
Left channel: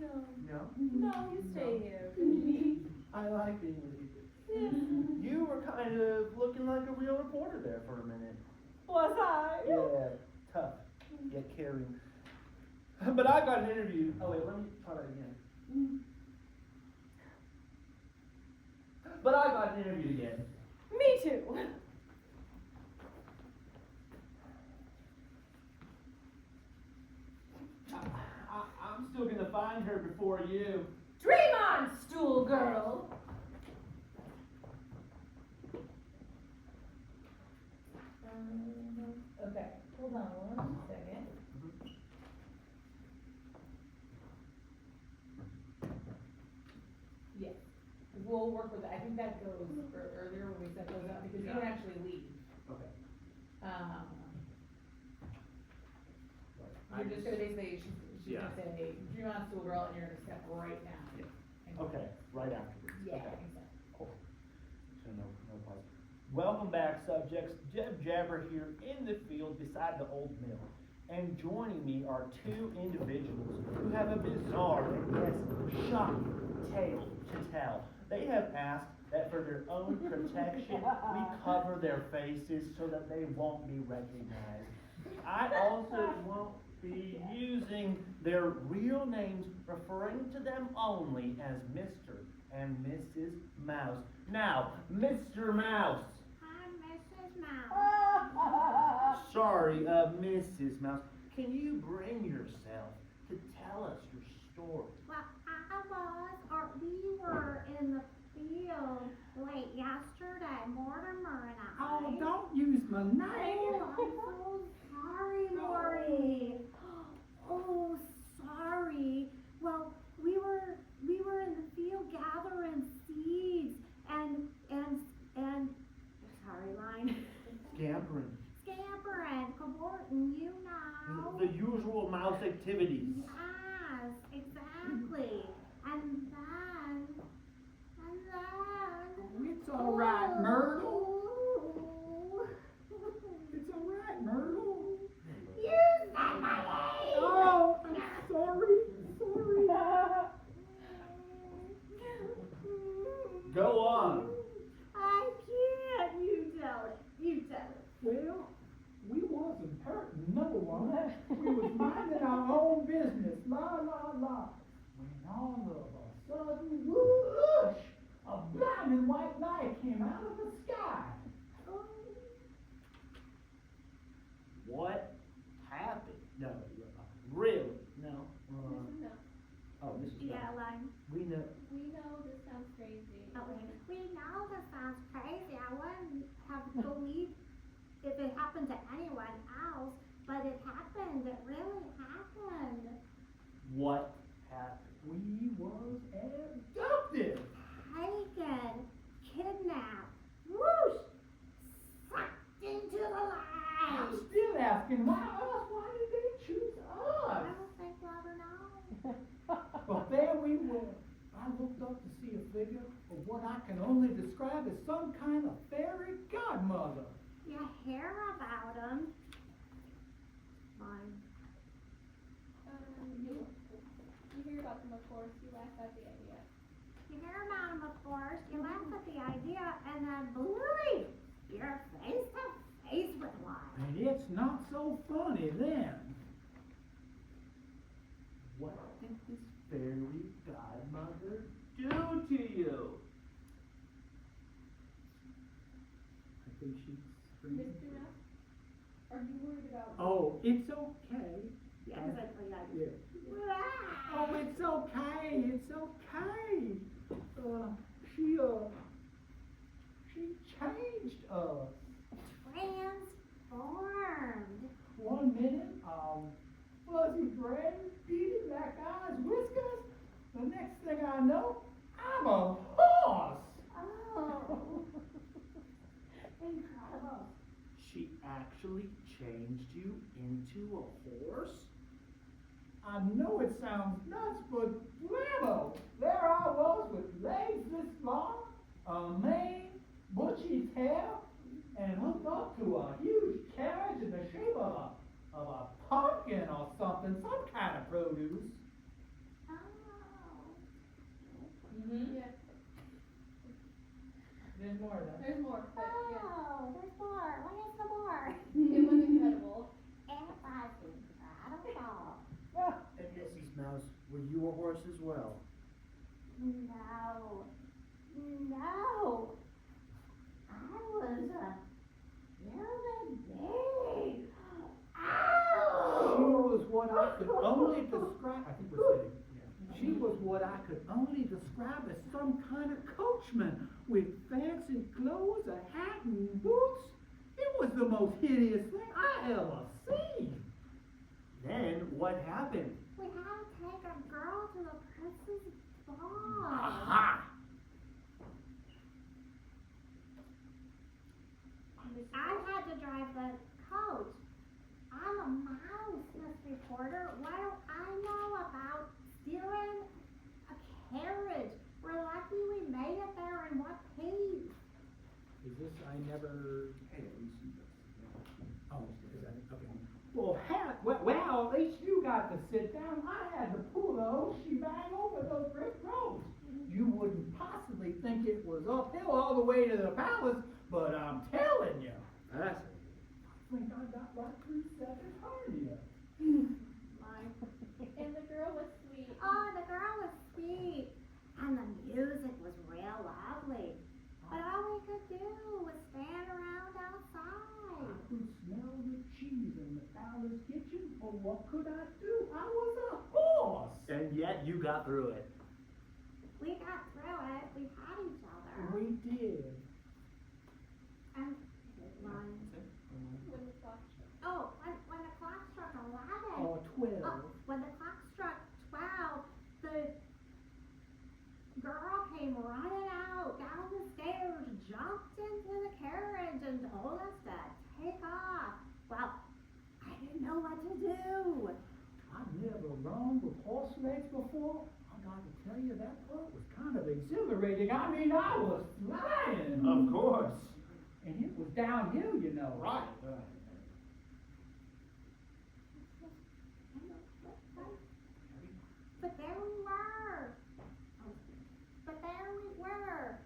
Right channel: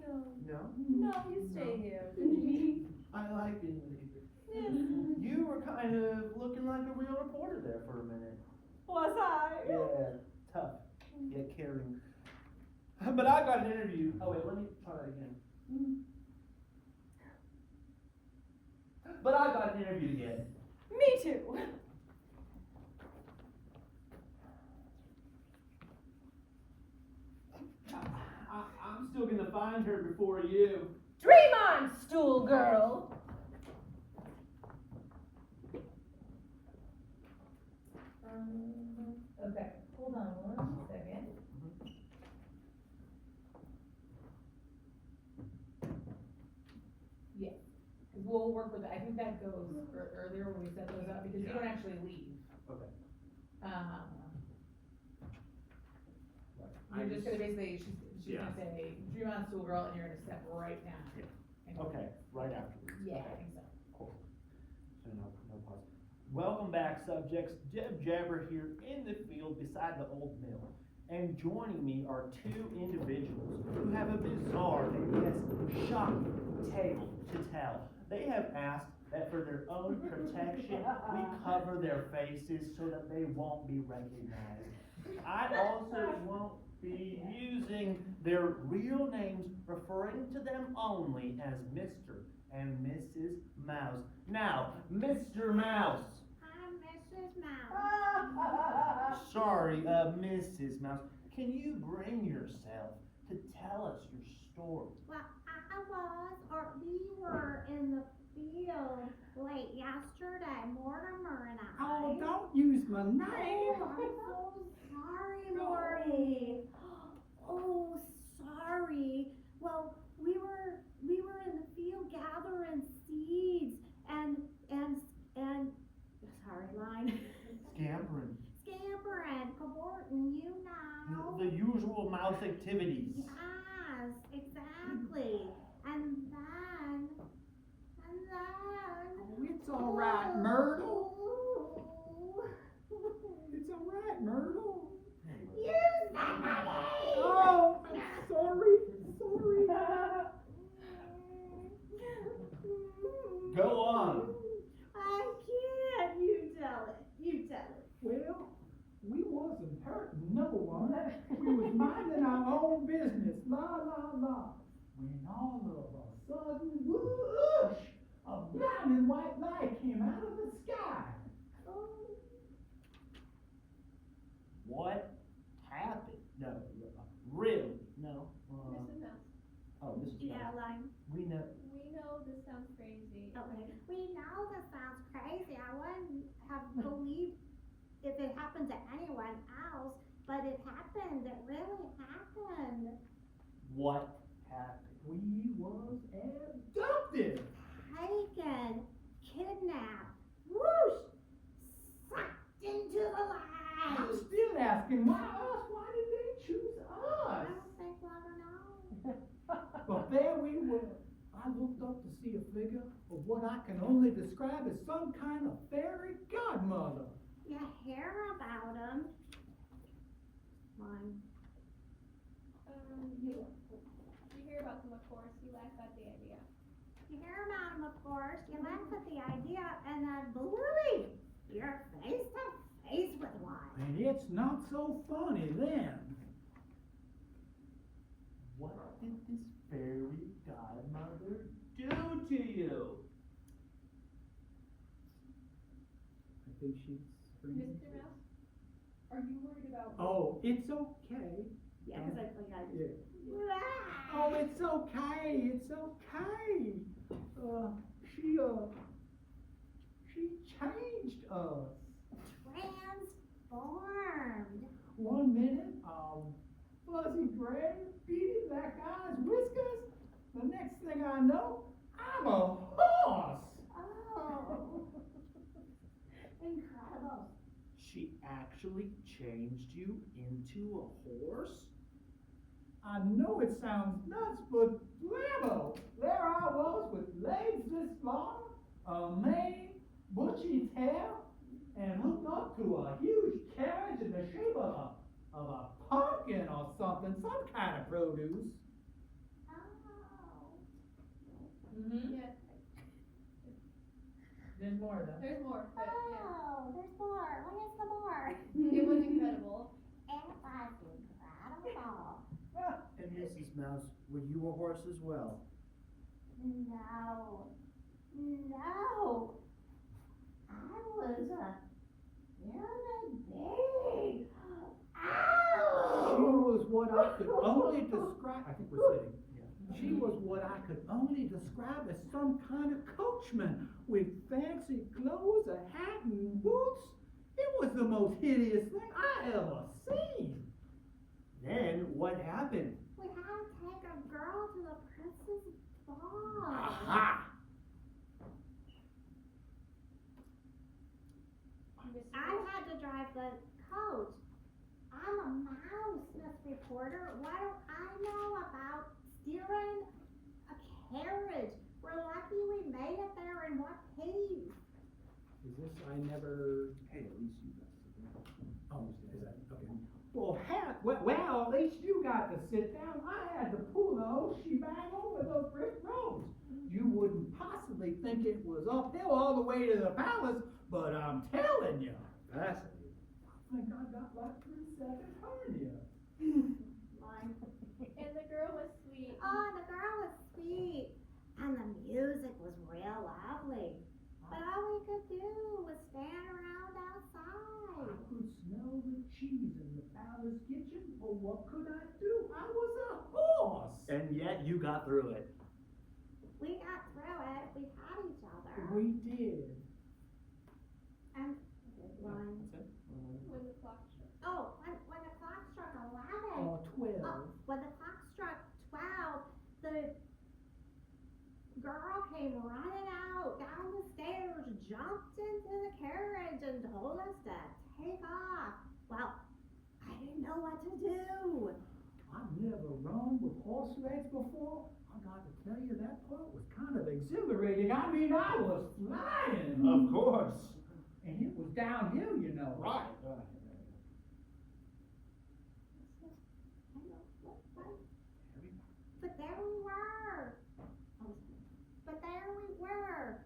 No. No? No, you stay here. I like being leader. Yes. You were kind of looking like a real reporter there for a minute. Was I? Yeah, tough, yet caring. But I got an interview. Oh wait, let me try that again. But I got an interview again. Me too. I'm still gonna find her before you. Dream on, stool girl. Okay, hold on 1 second. Yeah, we'll work with it. I think that goes earlier when we set those up, because you don't actually leave. Okay. You're just gonna basically, she's Yeah. gonna say, dream on, stool girl, and you're gonna step right now. And go. Okay, right afterwards. Yeah, Okay. I think so. Cool. So no problem. Welcome back, subjects. Jeb Jabber here in the field beside the old mill. And joining me are two individuals who have a bizarre and yes, shocking tale to tell. They have asked that for their own protection, we cover their faces so that they won't be recognized. I also won't be using their real names, referring to them only as Mr. and Mrs. Mouse. Now, Mr. Mouse. I'm Mrs. Mouse. Sorry, Mrs. Mouse. Can you bring yourself to tell us your story? Well, we were in the field late yesterday, Mortimer and I. Oh, don't use my name. Oh, I'm so sorry, Morty. Oh, sorry. Well, we were in the field gathering seeds and sorry, line. Scampering. Scampering, cavorting, you know. The usual mouse activities. Yes, exactly. And then. It's all right, Myrtle. Ooh. It's all right, Myrtle. You said my name. Oh, sorry. Go on. I can't. You tell it. Well, we wasn't hurting no one. We was minding our own business. La, la, la. When all of a sudden, whoosh, a blinding white light came out of the sky. What happened? No, really? No. Mrs. Mouse. Oh, Mrs. Yeah, Mouse. line. We know. We know this sounds crazy. Okay. We know this sounds crazy. I wouldn't have believed if it happened to anyone else, but it happened. It really happened. What happened? We was abducted. Taken, kidnapped, whoosh, sucked into the I'm light. still asking, why us? Why did they choose I us? don't think we'll ever know. But there we were. I looked up to see a figure of what I can only describe as some kind of fairy godmother. You hear about him? Mine. You hear about them, of course. You laugh at the idea. You hear about him, of course. You laugh at the idea, and then boy, you're face to face with one. And it's not so funny then. What did this fairy godmother do to you? I think she's screaming. Mr. Mouse, are you worried about? Oh, it's okay. Yeah, exactly. Yeah. Oh, it's okay. It's okay. She changed us. Transformed. 1 minute She actually changed you into a horse? I know it sounds nuts, but blammo! There I was with legs this long, a mane, bushy tail, and hooked up to a huge carriage in the shape of a pumpkin or something, some kind of produce. Oh. Mm-hmm. Yeah, There's more of that. there's more, but yeah. Oh, there's more. What is the more? It was incredible. It was incredible. And Mrs. Mouse, were you a horse as well? No. No. I was a human being. Ow! She was what I could only describe, I think we're sitting. She was what I could only describe as some kind of coachman with fancy clothes, a hat and boots. It was the most hideous thing I ever seen. Then what happened? We had to take a girl to the princess ball. Aha! I had to drive the coach. I'm a mouse, Miss Reporter. What do I know about steering a carriage? We're lucky we made it there in one piece. Is this, I never, Hey, at least you. oh, is that, okay. Well, well, at least you got to sit down. I had to pull the whole shebang over those brick roads. You wouldn't possibly think it was uphill all the way to the palace, but I'm telling you. That's I think I got right through second hernia. And the girl was sweet. Oh, the girl was sweet. And the music was real lovely. But all we could do was stand around I outside. could smell the cheese in the palace kitchen, but what could I do? I was a horse. And yet you got through it. We got through it. We had each other. We did. And one. When the clock struck. Oh, when the clock struck 11. Or 12. When the clock struck 12, the girl came running out down the stairs, jumped into the carriage, and told us to take off. Well, I didn't know what to do. I've never run with horse legs before. I got to tell you, that part was kind of exhilarating. I mean, I was flying. Of course. And it was downhill, you know. right. But there we were. But there we were.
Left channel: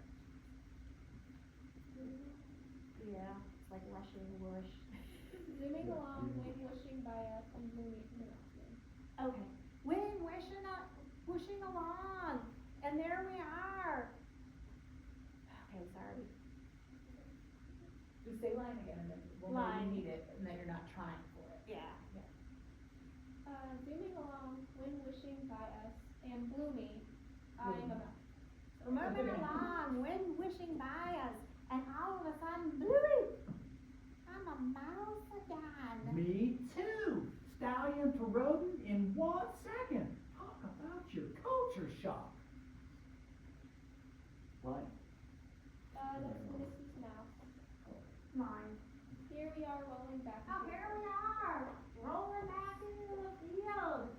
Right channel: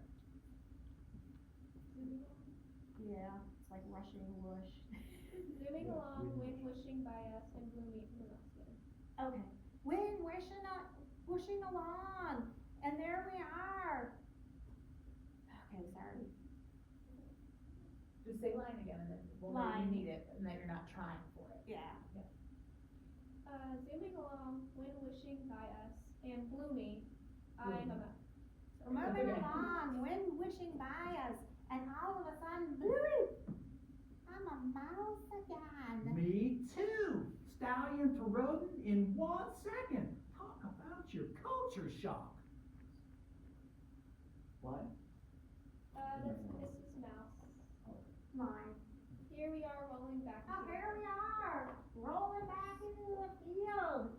Yeah, it's like rushing whoosh. Zooming along, wind whooshing by us, and gloomy interrupted. Okay. Wind whooshing along. And there we are. Okay, sorry. Just say line again, and then we'll know you Line. need it, and that you're not trying for it. Yeah. Zooming along, wind whooshing by us, and gloomy, I am a mouse. We're moving along, wind whooshing by us, and all of a sudden, bloop, I'm a mouse again. Me too. Stallion to rodent in 1 second. Talk about your culture shock. What? This is mouse. Mine. Here we are rolling back. Oh, here we are, rolling back into the field.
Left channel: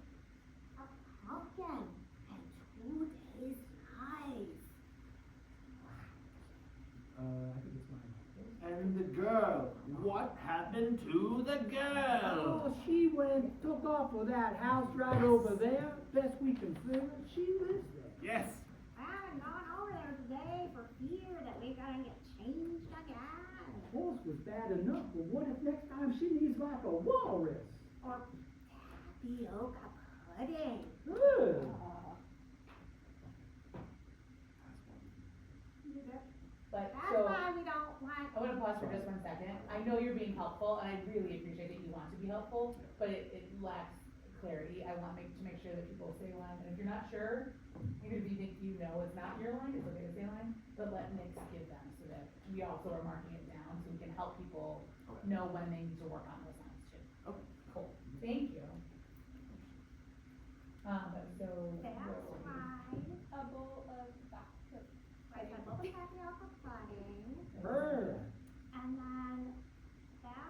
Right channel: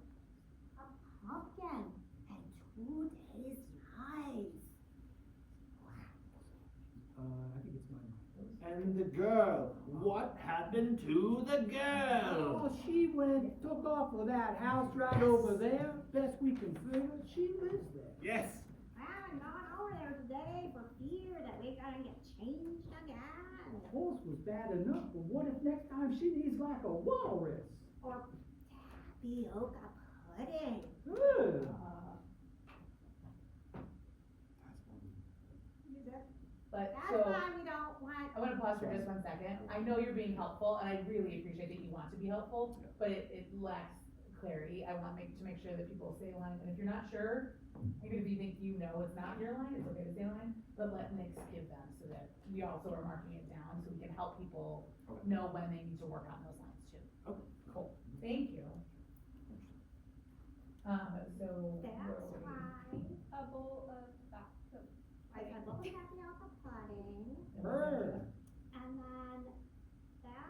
A pumpkin and 2 days' life. I think it's mine. And the girl. What happened to the girl? Oh, she took off with that house right over there. Best we can figure, she lives there. Yes. I haven't gone over there today for fear that we gotta get changed again. The horse was bad enough, but what if next time she needs like a walrus? Or tapioca pudding. Good. But, That's so, why we don't want. I wanna pause for just 1 second. I know you're being helpful, and I really appreciate that you want to be helpful, but it lacks clarity. I want to make sure that people say line, and if you're not sure, even if you think you know it's not your line, it's okay to say line, but let Nick give them, so that we also are marking it down, so we can help people know when they need to work on those lines too. Okay. Cool, thank you. So, That's where were we? why. A bowl of I have a tapioca pudding. Good. And then that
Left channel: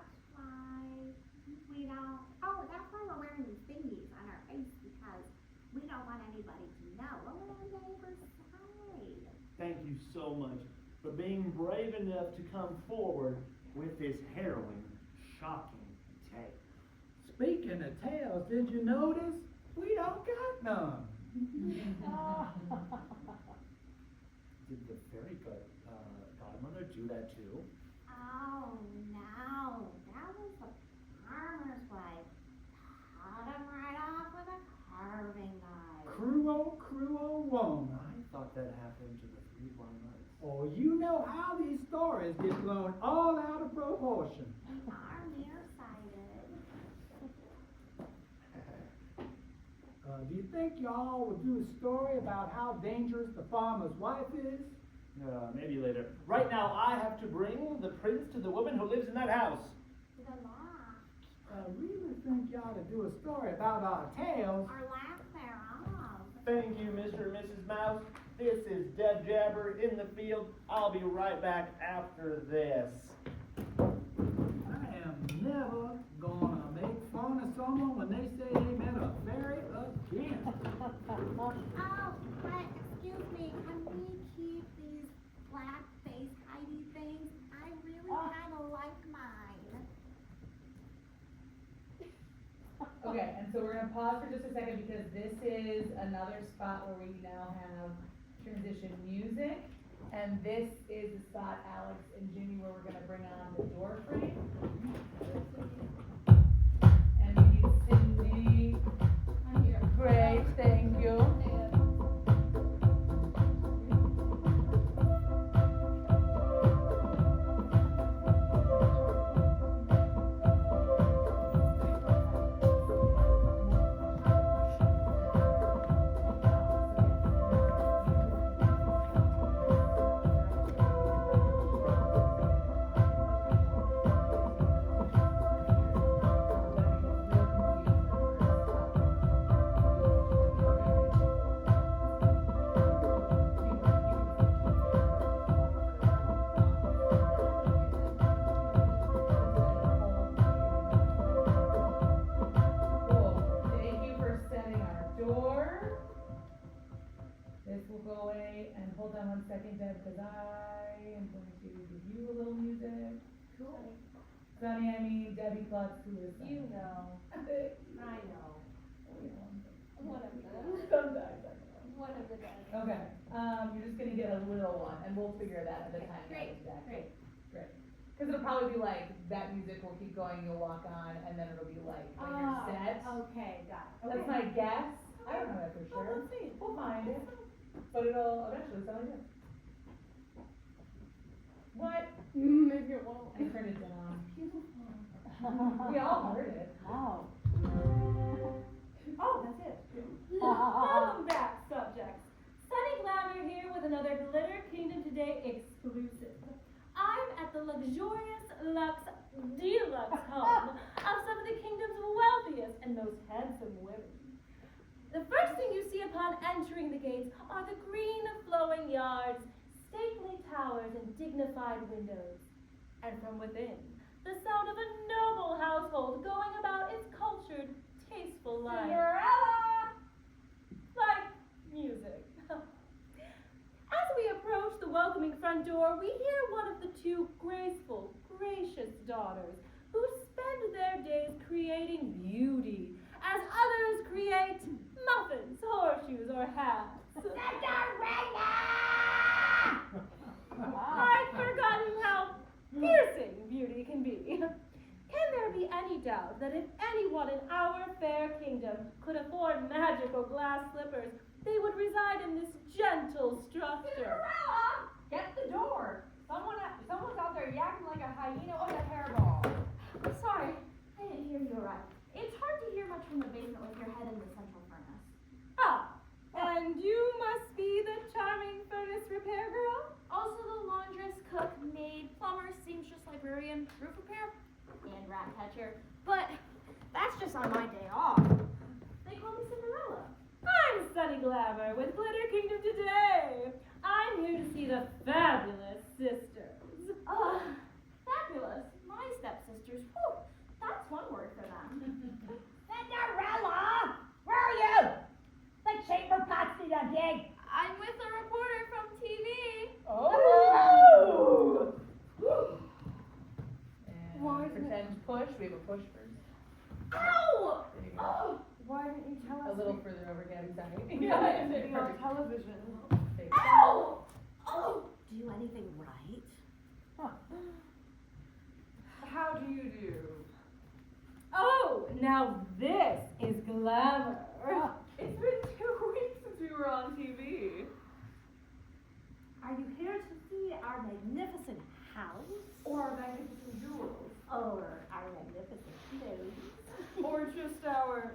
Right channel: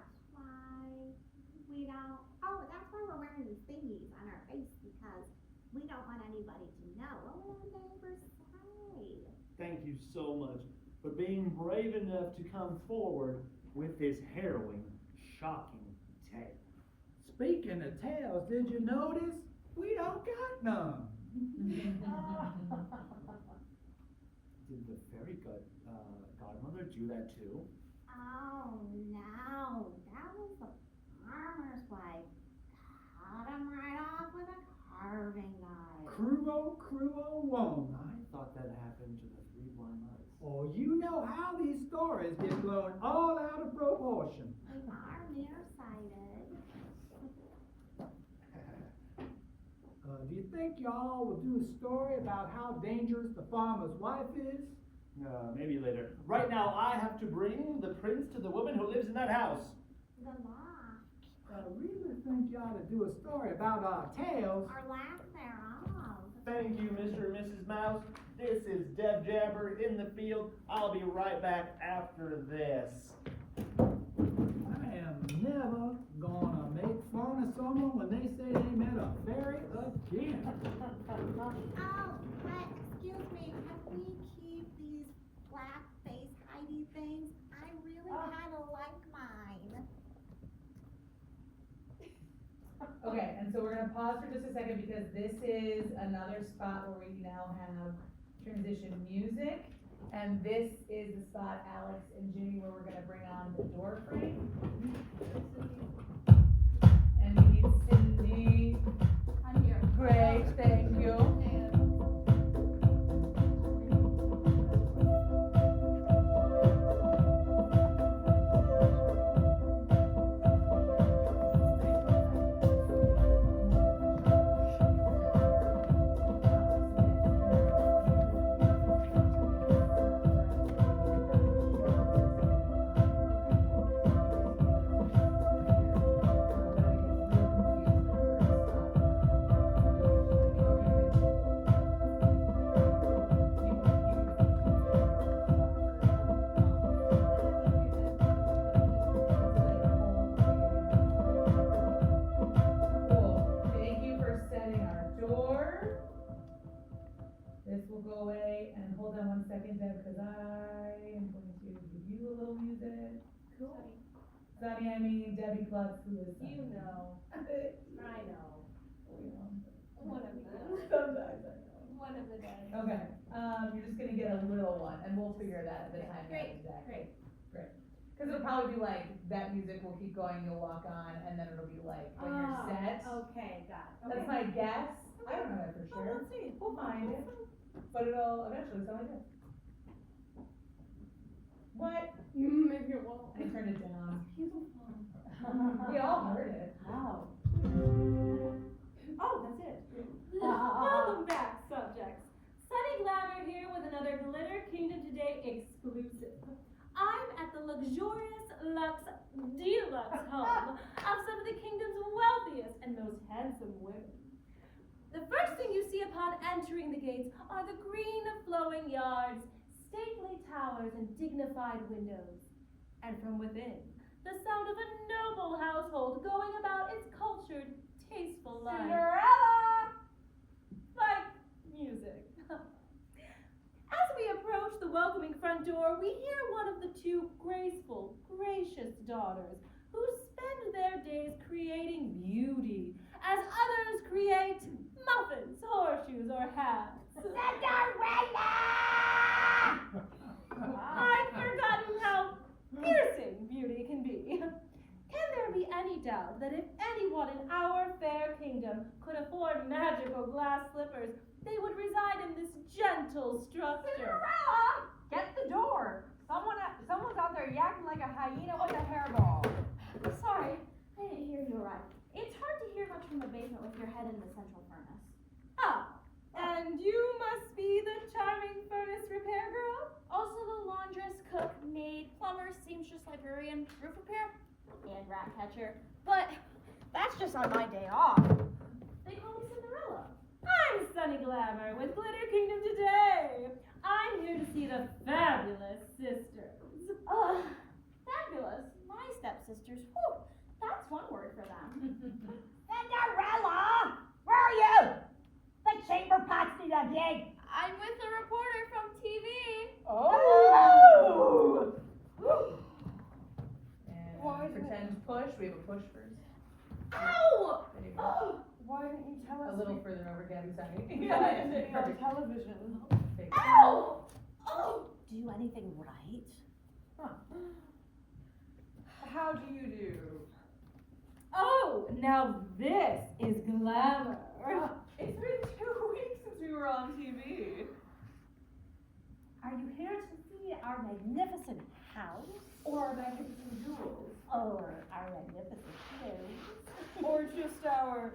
so much for being brave enough to come forward with this harrowing, shocking tale. Speaking of tales, did you notice? We don't got none. Did the fairy godmother do that too? Oh, no, that was the farmer's wife. Cut him right off with a carving knife. Cruel woman. I thought that happened to the three blind mice. Oh, you know how these stories get blown all out of proportion. We are nearsighted. Do you think y'all would do a story about how dangerous the farmer's wife is? Maybe later. Right now, I have to bring the prince to the woman who lives in that house. The law. I really think y'all to do a story about our tales. Our laugh thereof. Thank you, Mr. and Mrs. Mouse. This is Deb Jabber in the field. I'll be right back after this. I am never gonna make fun of someone when they say they met a fairy again. Oh, but excuse me, can we keep these black face hidey things? I really kind of like mine. Okay, and so we're gonna pause for just a second because this is another spot where we now have transition music. And this is the spot, Alex and Jimmy, where we're gonna bring on the door frame. And we need Cindy. I'm here. Great, thank you. Cool, thank you for setting our door. This will go away, and hold on one second, Deb, because I am going to give you a little music. Cool. Sonny, I mean Debbie Klutz, who is You know. I know. One of the. Sometimes I know. One of the better. Okay, you're just gonna get a little one, and we'll figure that at the time. Great, Exactly. great. Cause it'll probably be like, that music will keep going, you'll walk on, and then it'll be like, when you're set. Okay, got it. That's my guess, I don't know that for sure. let's see. We'll find it, but it'll eventually sound like this. What? Maybe it won't. I turned it down. We all heard it. Wow. Oh, that's it. Welcome back, subjects. Sunny Glamour here with another Glitter Kingdom Today exclusive. I'm at the luxurious deluxe home of some of the kingdom's wealthiest and most handsome women. The first thing you see upon entering the gates are the green flowing yards, stately towers, and dignified windows. And from within, the sound of a noble household going about its cultured, tasteful life. Cinderella! Like music. As we approach the welcoming front door, we hear one of the two graceful, gracious daughters who spend their days creating beauty, as others create muffins, horseshoes, or hats. Cinderella! I've forgotten how piercing beauty can be. Can there be any doubt that if anyone in our fair kingdom could afford magical glass slippers, they would reside in this gentle structure? Cinderella! Get the door! Someone's out there yakking like a hyena with a hairball. Sorry, I didn't hear you right. It's hard to hear much from the basement with your head in the central furnace. Ah, and you must be the charming furnace repair girl? Also the laundress, cook, maid, plumber, seamstress, librarian, roof repair, and rat catcher. But that's just on my day off. They call me Cinderella. I'm Sunny Glamour with Glitter Kingdom Today. I'm here to see the fabulous sisters. Fabulous. My stepsisters. Whew, that's one word for them. Cinderella! Where are you? The chamber pots need a dig. I'm with a reporter from TV. Oh, a pretend push. We have a push first. Ow! There you go. Oh, why didn't you tell us? A little further over, Gabby, sorry. Yeah, it's on television. Take Ow! Oh! Do you anything right? How do you do? Oh, now this is glamour. It's been 2 weeks since we were on TV. Are you here to see our magnificent house? Or our magnificent jewels. Or our magnificent clothes? Or just our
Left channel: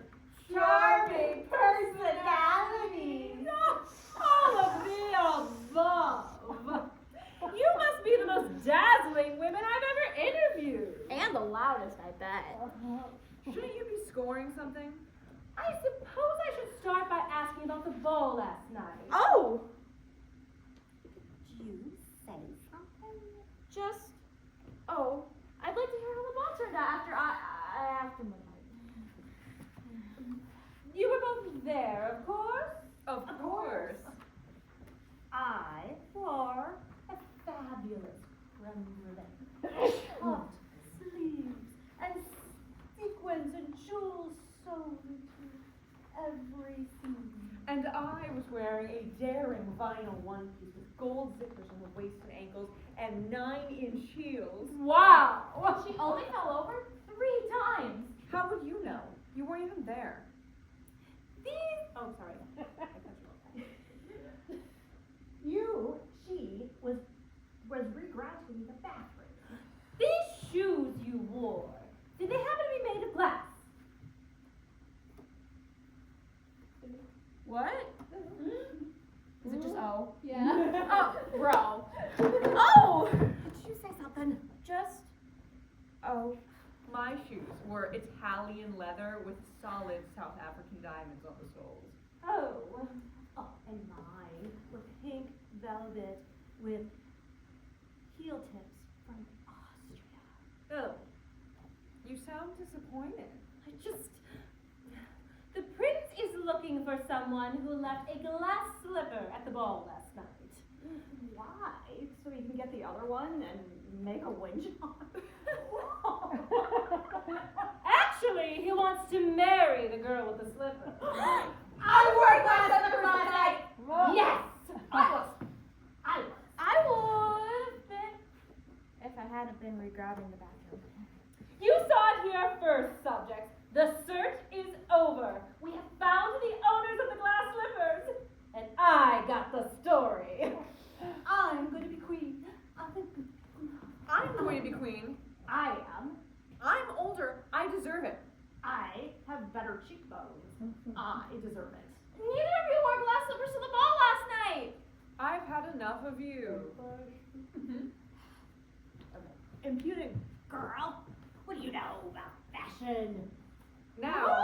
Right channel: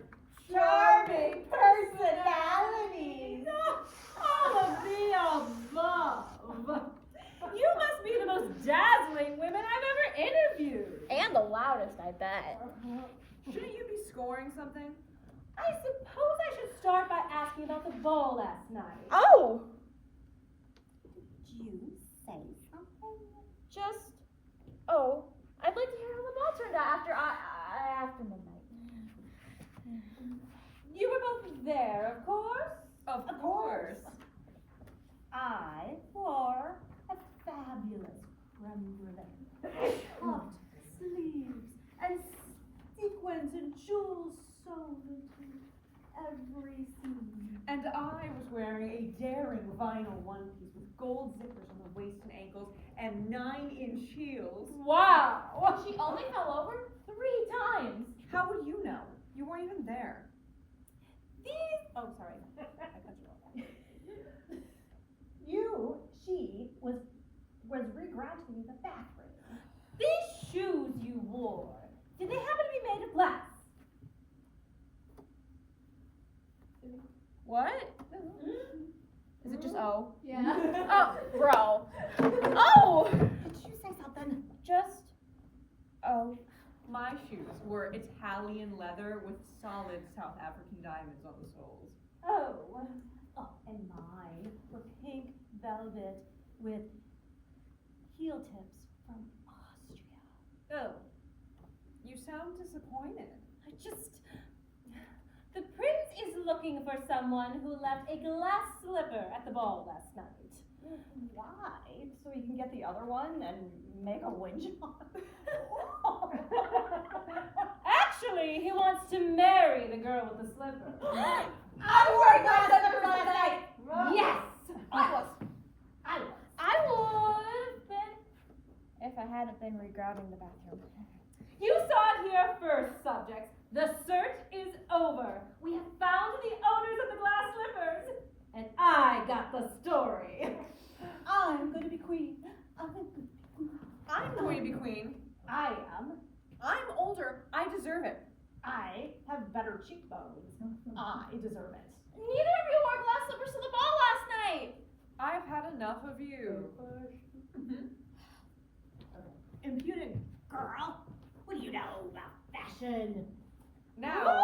Charming personalities! All of the above! You must be the most dazzling women I've ever interviewed! And the loudest, I bet. Shouldn't you be scoring something? I suppose I should start by asking about the ball last night. Oh! Did you say something? Just, I'd like to hear how the ball turned out after midnight. You were both there, of course? Of course. I wore a fabulous rendezvous. Puffed sleeves and sequins and jewels sewn into every seam. And I was wearing a daring vinyl one piece with gold zippers on the waist and ankles and 9-inch heels. Wow! She only fell over 3 times. How would you know? You weren't even there. Oh, sorry. I cut you off. She was regranting the bathroom. These shoes you wore, did they happen to be made of glass? What? Is it just O? Yeah. Oh, bro. Oh! Did you say something? Just O. My shoes were Italian leather with solid South African diamonds on the soles. Oh, and mine were pink velvet with heel tips from Austria. Oh, you sound disappointed. The prince is looking for someone who left a glass slipper at the ball last night. Why? So you can get the other one and make a wage on Actually, he wants to marry the girl with the slipper. I wore glass slippers last night. Yes! I would have been if I hadn't been regrabbing the bathroom. You saw it here first, subjects. The search is over. We have found the owners of the glass slippers. And I got the story. I'm going to be queen. I'm going to be queen. I am. I'm older. I deserve it. I have better cheekbones. I deserve it. Neither of you wore glass slippers to the ball last night. I've had enough of you. Impudent girl. What do you know about fashion? Now,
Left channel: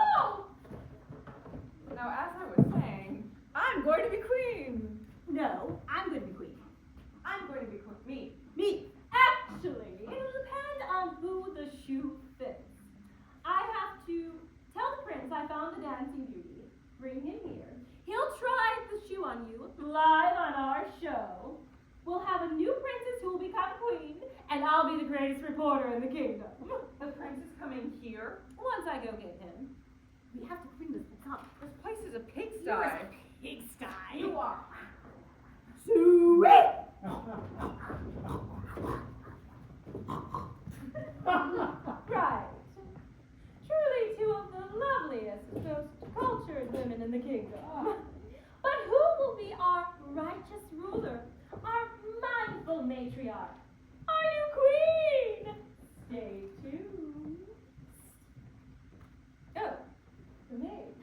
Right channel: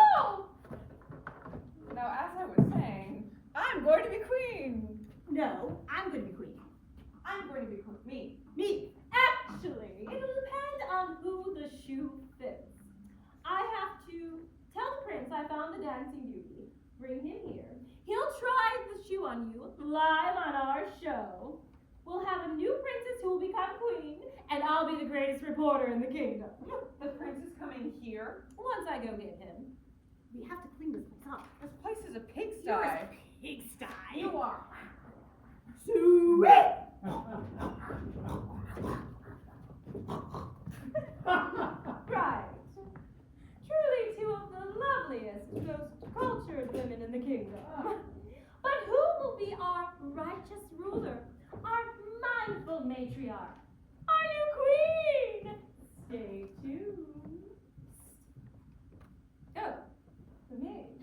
as I was saying, I'm going to be queen. No, I'm going to be queen. I'm going to be queen. Me. Actually, it'll depend on who the shoe fits. I have to tell the prince I found the dancing beauty. Bring him here. He'll try the shoe on you live on our show. We'll have a new princess who will become queen, and I'll be the greatest reporter in the kingdom. The prince is coming here. Once I go get him. We have to clean this up. This place is a pigsty. You're a pigsty. You are. Sweet! Right. Truly two of the loveliest, most cultured women in the kingdom. But who will be our righteous ruler? Our mindful matriarch? Our new queen? Stay tuned. Oh, the maid.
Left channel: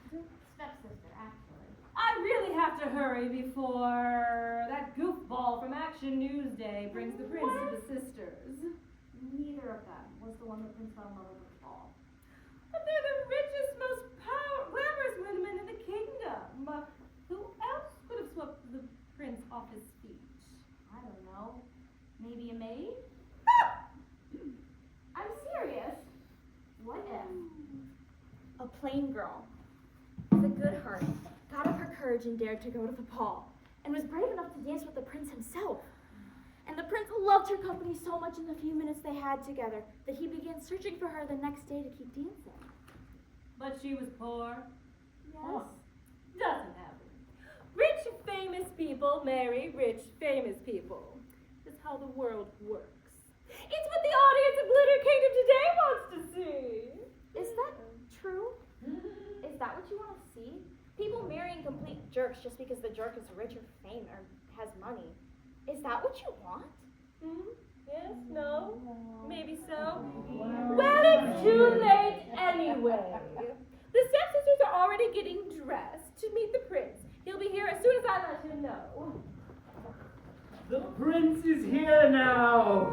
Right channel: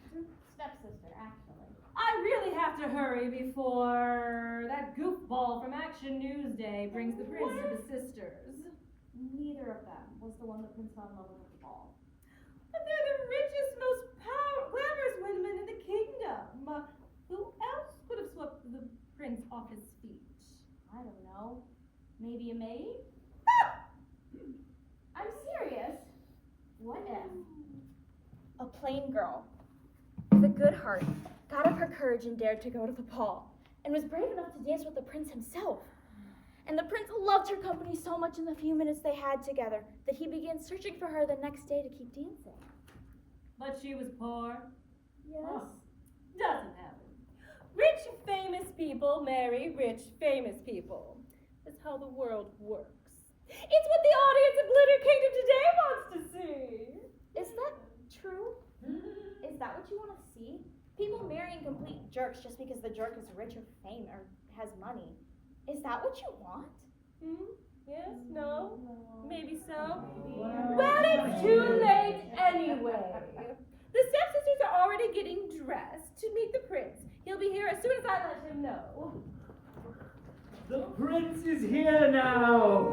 Stepsister, actually. I really have to hurry before that goofball from Action Newsday brings the prince to the sisters. Neither of them was the one that Prince fell in love with at the ball. But they're the richest, most glamorous women in the kingdom. Who else could have swept the prince off his feet? I don't know. Maybe a maid? I'm serious. What if a plain girl with a good heart got up her courage and dared to go to the ball and was brave enough to dance with the prince himself? And the prince loved her company so much in the few minutes they had together that he began searching for her the next day to keep dancing. But she was poor. Yes? Doesn't happen. Rich, famous people marry rich, famous people. That's how the world works. It's what the audience of Glitter Kingdom today wants to see. Is that true? Is that what you want to see? People marrying complete jerks just because the jerk is rich or famous or has money. Is that what you want? Yes, no, maybe so. Well, it's too late anyway. The stepsisters are already getting dressed to meet the prince. He'll be here as soon as I let him know. The prince is here now.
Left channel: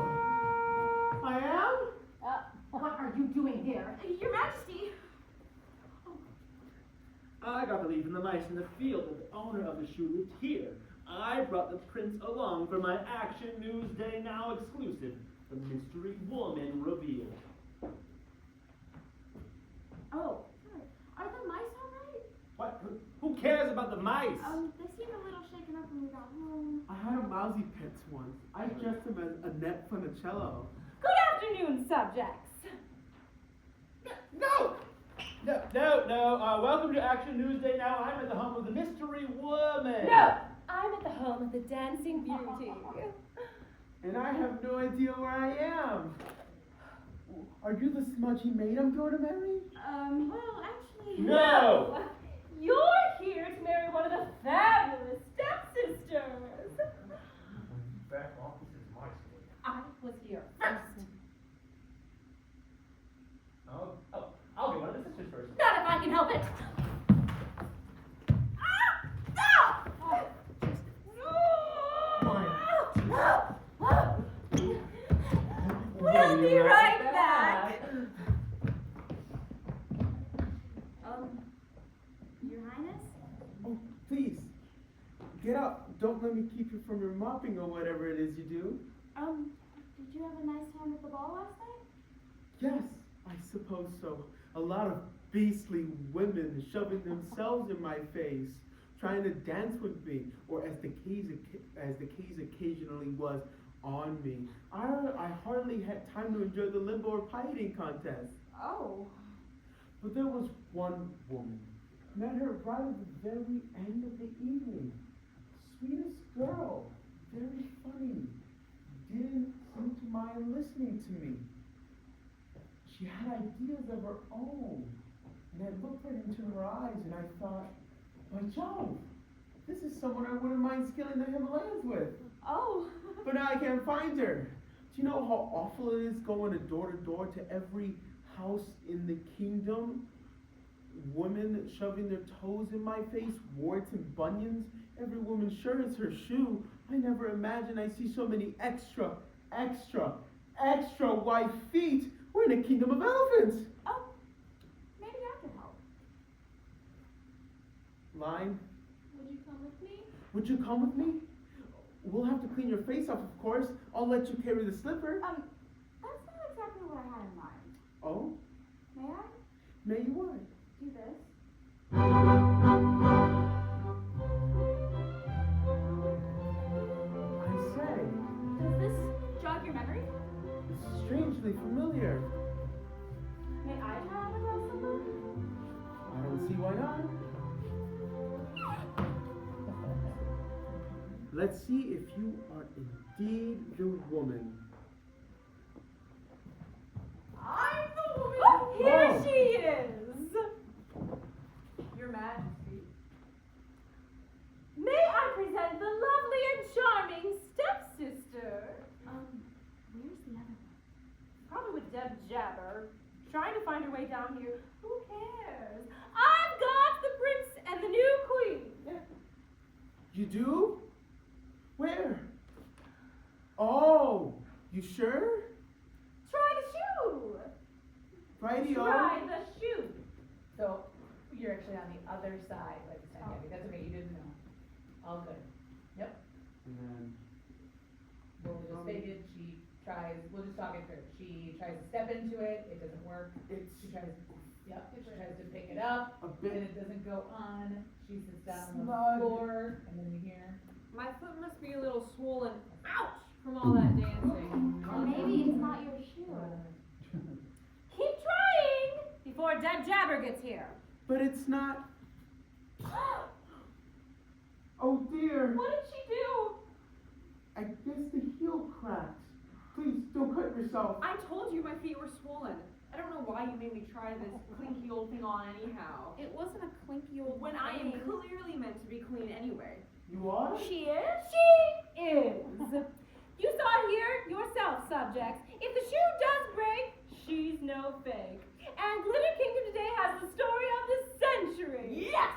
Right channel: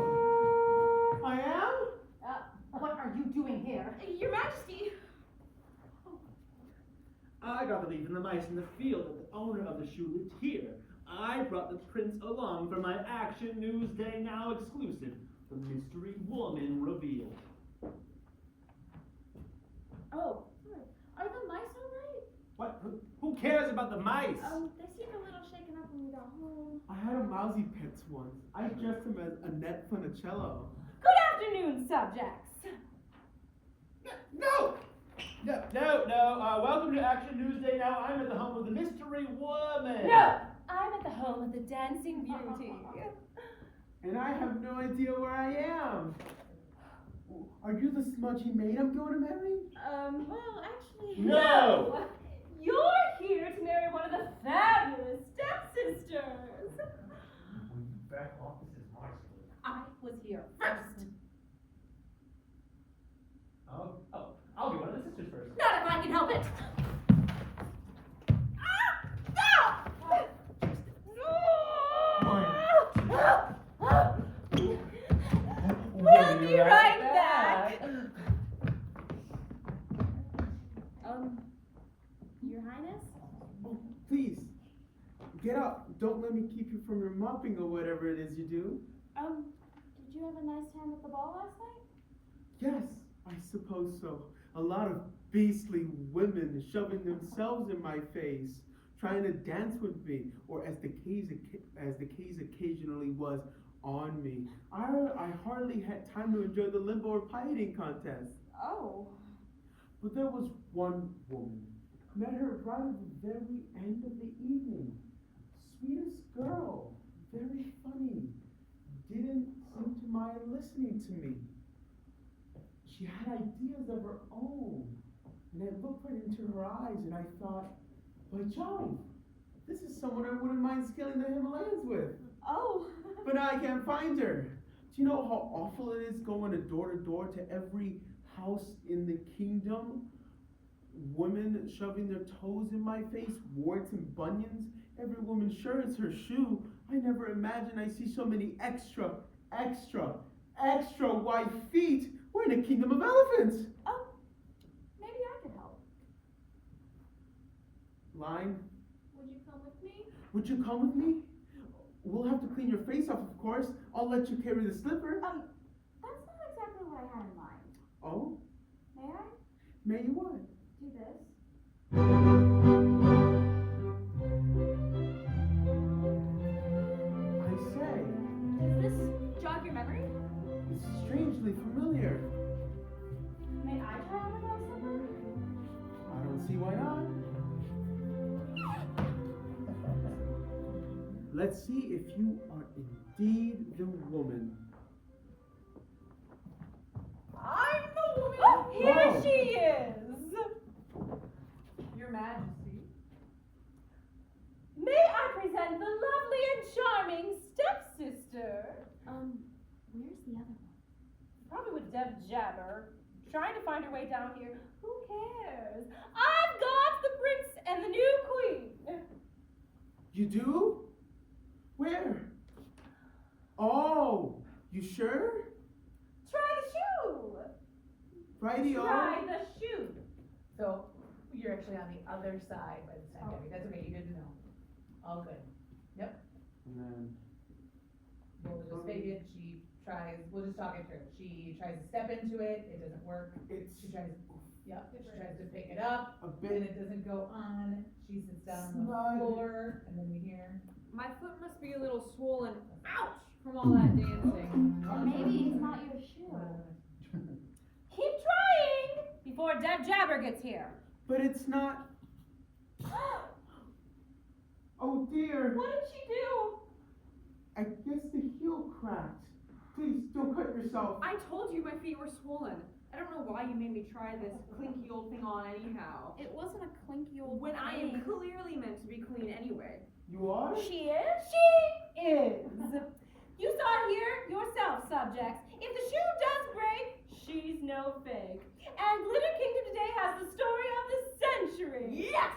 I am? What are you doing here? Your Majesty. I got to leave in the mice in the field, but the owner of the shoe lived here. I brought the prince along for my Action News Day Now exclusive, the mystery woman revealed. Oh, hi. Are the mice all right? What? Who cares about the mice? They seemed a little shaken up when we got home. I had a mousy pets once. I dressed him as Annette Funicello. Good afternoon, subjects. No! Welcome to Action News Day Now. I'm at the home of the mystery woman. No, I'm at the home of the dancing beauty. And I have no idea where I am. Are you the smudgy maid I'm going to marry? Well, actually... No! You're here to marry one of the fabulous stepsisters. Back office is my state. I was here first. I'll be one of the sisters first. Not if I can help it. We'll be right back. Your Highness? Oh, please. Get up. Don't let me keep you from your mopping or whatever it is you do. Did you have a nice time at the ball last night? Yes, I suppose so. A lot of beastly women shoving themselves in my face, trying to dance with me, or as the case occasionally was, on me. I hardly had time to enjoy the limbo or pieting contest. Oh. But there was one woman. Met her right at the very end of the evening. Sweetest girl. Very funny. Didn't seem to mind listening to me. She had ideas of her own. And I looked right into her eyes and I thought, by Jove, this is someone I wouldn't mind scaling the Himalayas with. Oh. But now I can't find her. Do you know how awful it is going door to door to every house in the kingdom? Women shoving their toes in my face, warts and bunions. Every woman sure is her shoe. I never imagined I see so many extra white feet. We're in a kingdom of elephants. Oh, maybe I can help. Line, Would you come with me? would you come with me? We'll have to clean your face off, of course. I'll let you carry the slipper. That's not exactly what I had in mind. Oh, May I may you what? do this? I say, Does this jog your memory? it's strangely familiar. May I try on the rose slipper? I don't see why not. Let's see if you are indeed the woman. I'm the woman. Oh, here Oh. she is. Your Majesty. May I present the lovely and charming stepsister? Where's the other one? Probably with Deb Jabber, trying to find her way down here. Who cares? I've got the prince and the new queen. You do? Where? Oh, you sure? Try the shoe. Righty-o. Try the shoe. So, you're actually on the other side by this time, Debbie. That's okay, you didn't know. All good. Yep. And then, We'll just fake it. We'll just talk it through. She tries to step into it, it doesn't work. She tries to pick it up, a and bit it doesn't go on. She sits down on the Snug. floor, and then you hear, My foot must be a little swollen. Ouch! from all that dancing. Or maybe it's not your shoe. Keep trying before Deb Jabber gets here. But it's not. Oh dear. What did she do? I guess the heel cracked. Please don't cut yourself. I told you my feet were swollen. I don't know why you made me try this clinky old thing on anyhow. It wasn't a clinky old When I thing. am clearly meant to be clean anyway. You are? She is? She is. You saw it here yourself, subjects. If the shoe does break, she's no fake. And Glitter Kingdom today has the story of the century. Yes!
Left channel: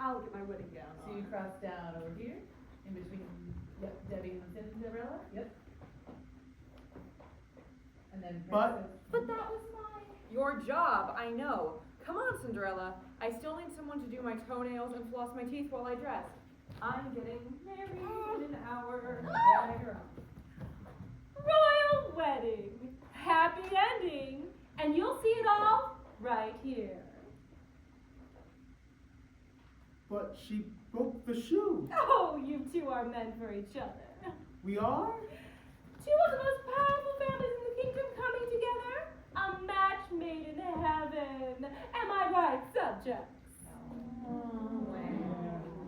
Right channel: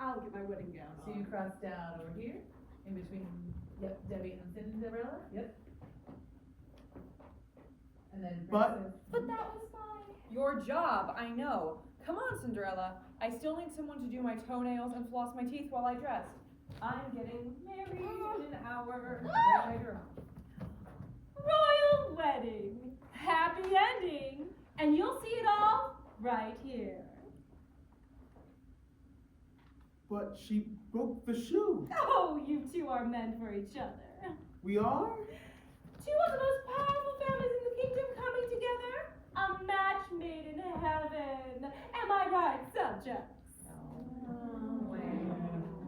I'll get my wedding gown So on. you cross down over here, in between, yep, Debbie and Cinderella, yep. And then Princess. But that was mine. Your job, I know. Come on, Cinderella. I still need someone to do my toenails and floss my teeth while I dress. I'm getting married in an hour. Royal wedding. Happy ending. And you'll see it all right here. But she broke the shoe. Oh, you two are meant for each other. We are? Two of the most powerful families in the kingdom coming together. A match made in heaven. Am I right, subjects?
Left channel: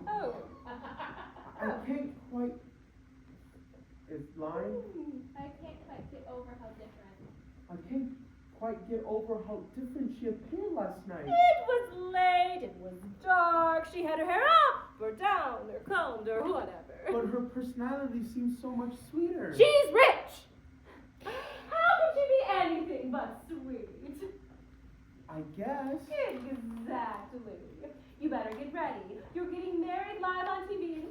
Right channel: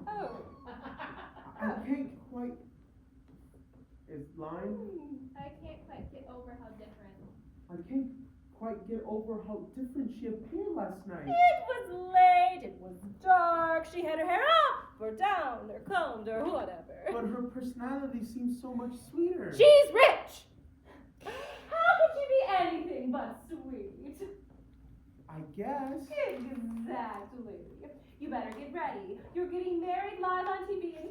Oh. I can't quite. It's line. I can't quite get over how different. I can't quite get over how different she appeared last night. It was late, it was dark, she had her hair up, or down, or combed, or whatever. But her personality seems so much sweeter. She's rich! How could she be anything but sweet? I guess. Exactly. You better get ready. You're getting married live on TV in 5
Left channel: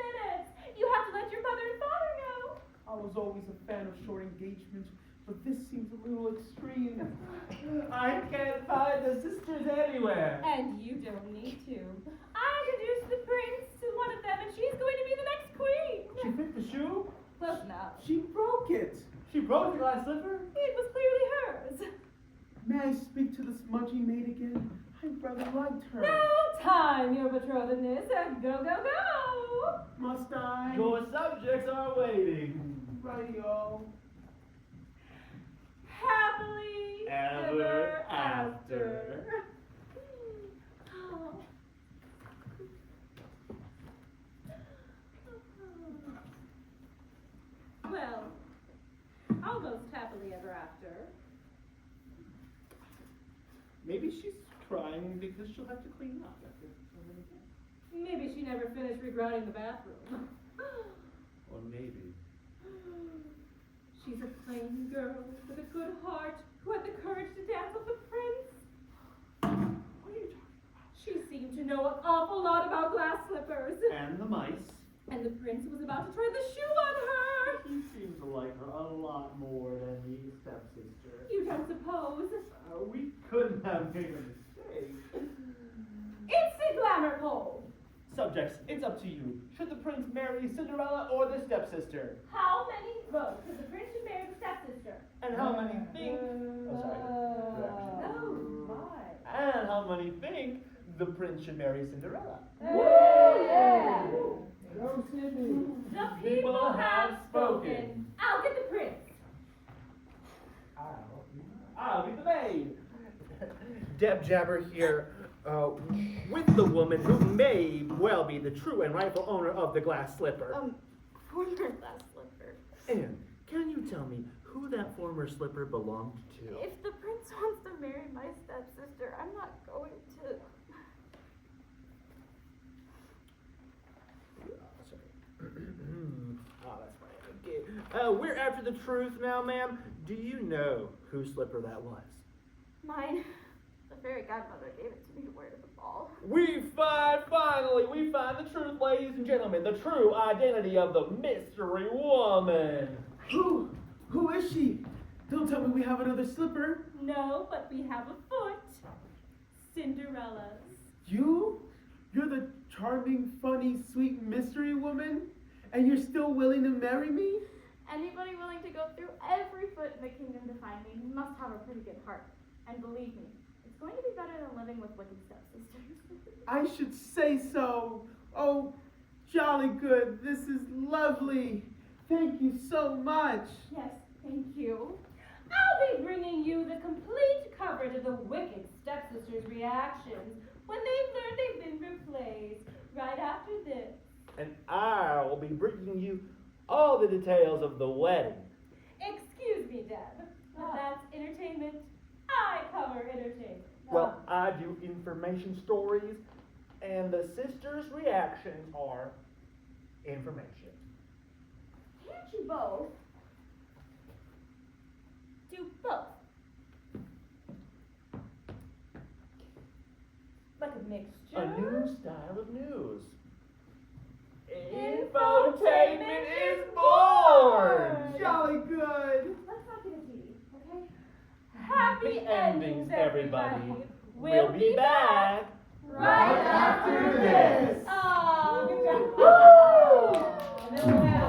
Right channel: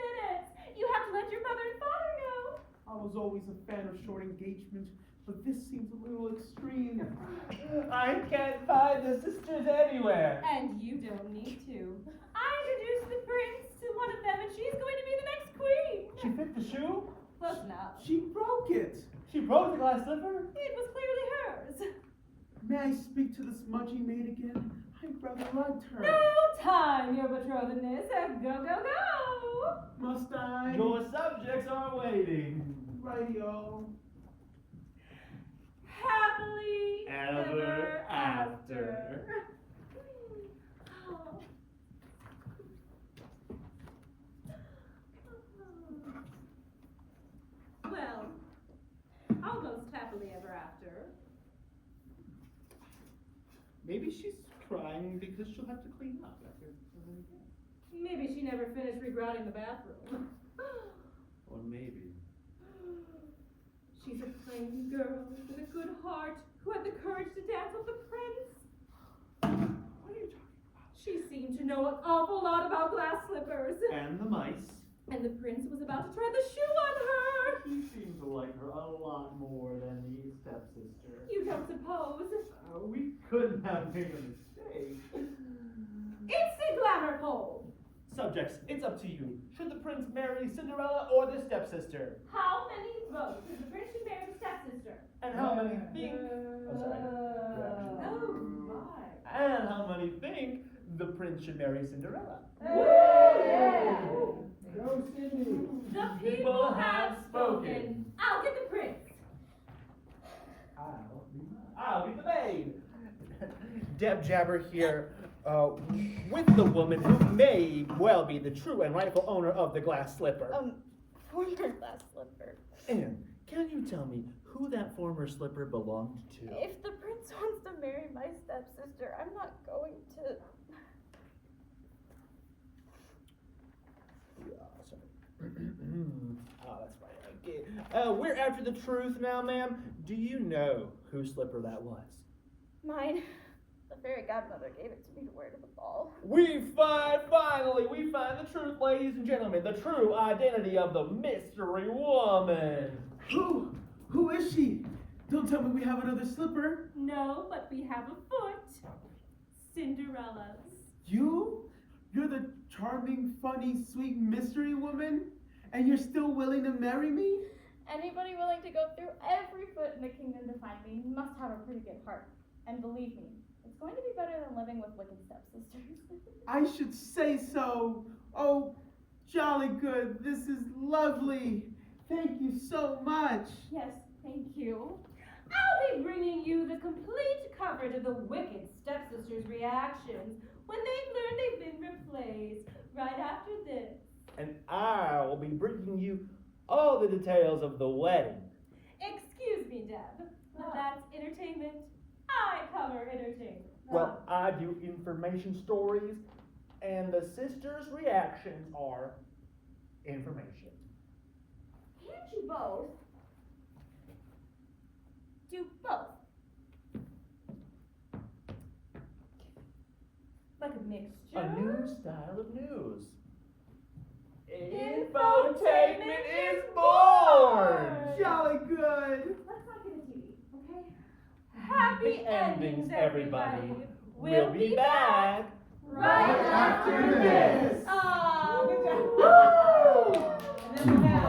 minutes. You have to let your mother and father know. I was always a fan of short engagements, but this seems a little extreme. I can't find the sisters anywhere. And you don't need to. I introduced the prince to one of them, and she's going to be the next queen. She fit the shoe? Close enough. She broke it. She broke the glass slipper? It was clearly hers. May I speak to the smudgy maid again? I rather liked her. No time, your betrothedness. Go, go, go. Must I? Your subjects are waiting. Radio. Happily Ever after. Well, almost happily ever after. Maybe she's crying because she'll have to clean up after. Maybe she never finished regrouting the bathroom. Or maybe. She's a plain girl with a good heart who had the courage to dance with the prince. What are you talking about? She seemed to know an awful lot about glass slippers. And the mice. And the prince was about to try the shoe on her. You seem to like her a lot more than the stepsister. You don't suppose? We couldn't have made a mistake. It's the glamour poll. Subjects, it's up to you. Should the prince marry Cinderella or the stepsister? How many votes does the prince should marry the stepsister? And how many think? Oh my. And how many think the prince should marry Cinderella? Yeah. Go, Cindy. The people have spoken. I'll get the prince. I'll be the maid. Deb Jabber here, with the woman who may well be the true and rightful owner of the glass slipper. Former glass slipper. And can you tell me who that former slipper belonged to? If the prince wants to marry my stepsister, I'm not going to. That's right. Okay. We're after the truth now, ma'am. Do you know whose slipper that was? Mine. The fairy godmother gave it to me to wear to the ball. Finally, we find the truth, ladies and gentlemen, the true identity of the mystery woman. Who is she? Don't tell me we have another slipper. No, but we have a foot. Cinderella's. You? You're the charming, funny, sweet mystery woman? And you're still willing to marry me? Anybody willing to go through every foot in the kingdom to find me must have a pretty good heart. And believe me, it's going to be better than living with wicked stepsisters. I should say so. Oh, jolly good. This is lovely. Thank you so much. Yes, thank you. I'll be bringing you the complete coverage of the wicked stepsisters' reactions when they've learned they've been replaced right after this. And I will be bringing you all the details of the wedding. Excuse me, Deb. That's entertainment. I cover entertainment. Well, I do information stories, and the sisters' reactions are information. Can't you both? Do both. Like a mixture? A new style of news. Infotainment is born! Jolly good. Let's not get into it, okay? Happy endings, everybody. We'll be back right after this. this. Aw, And then we'll have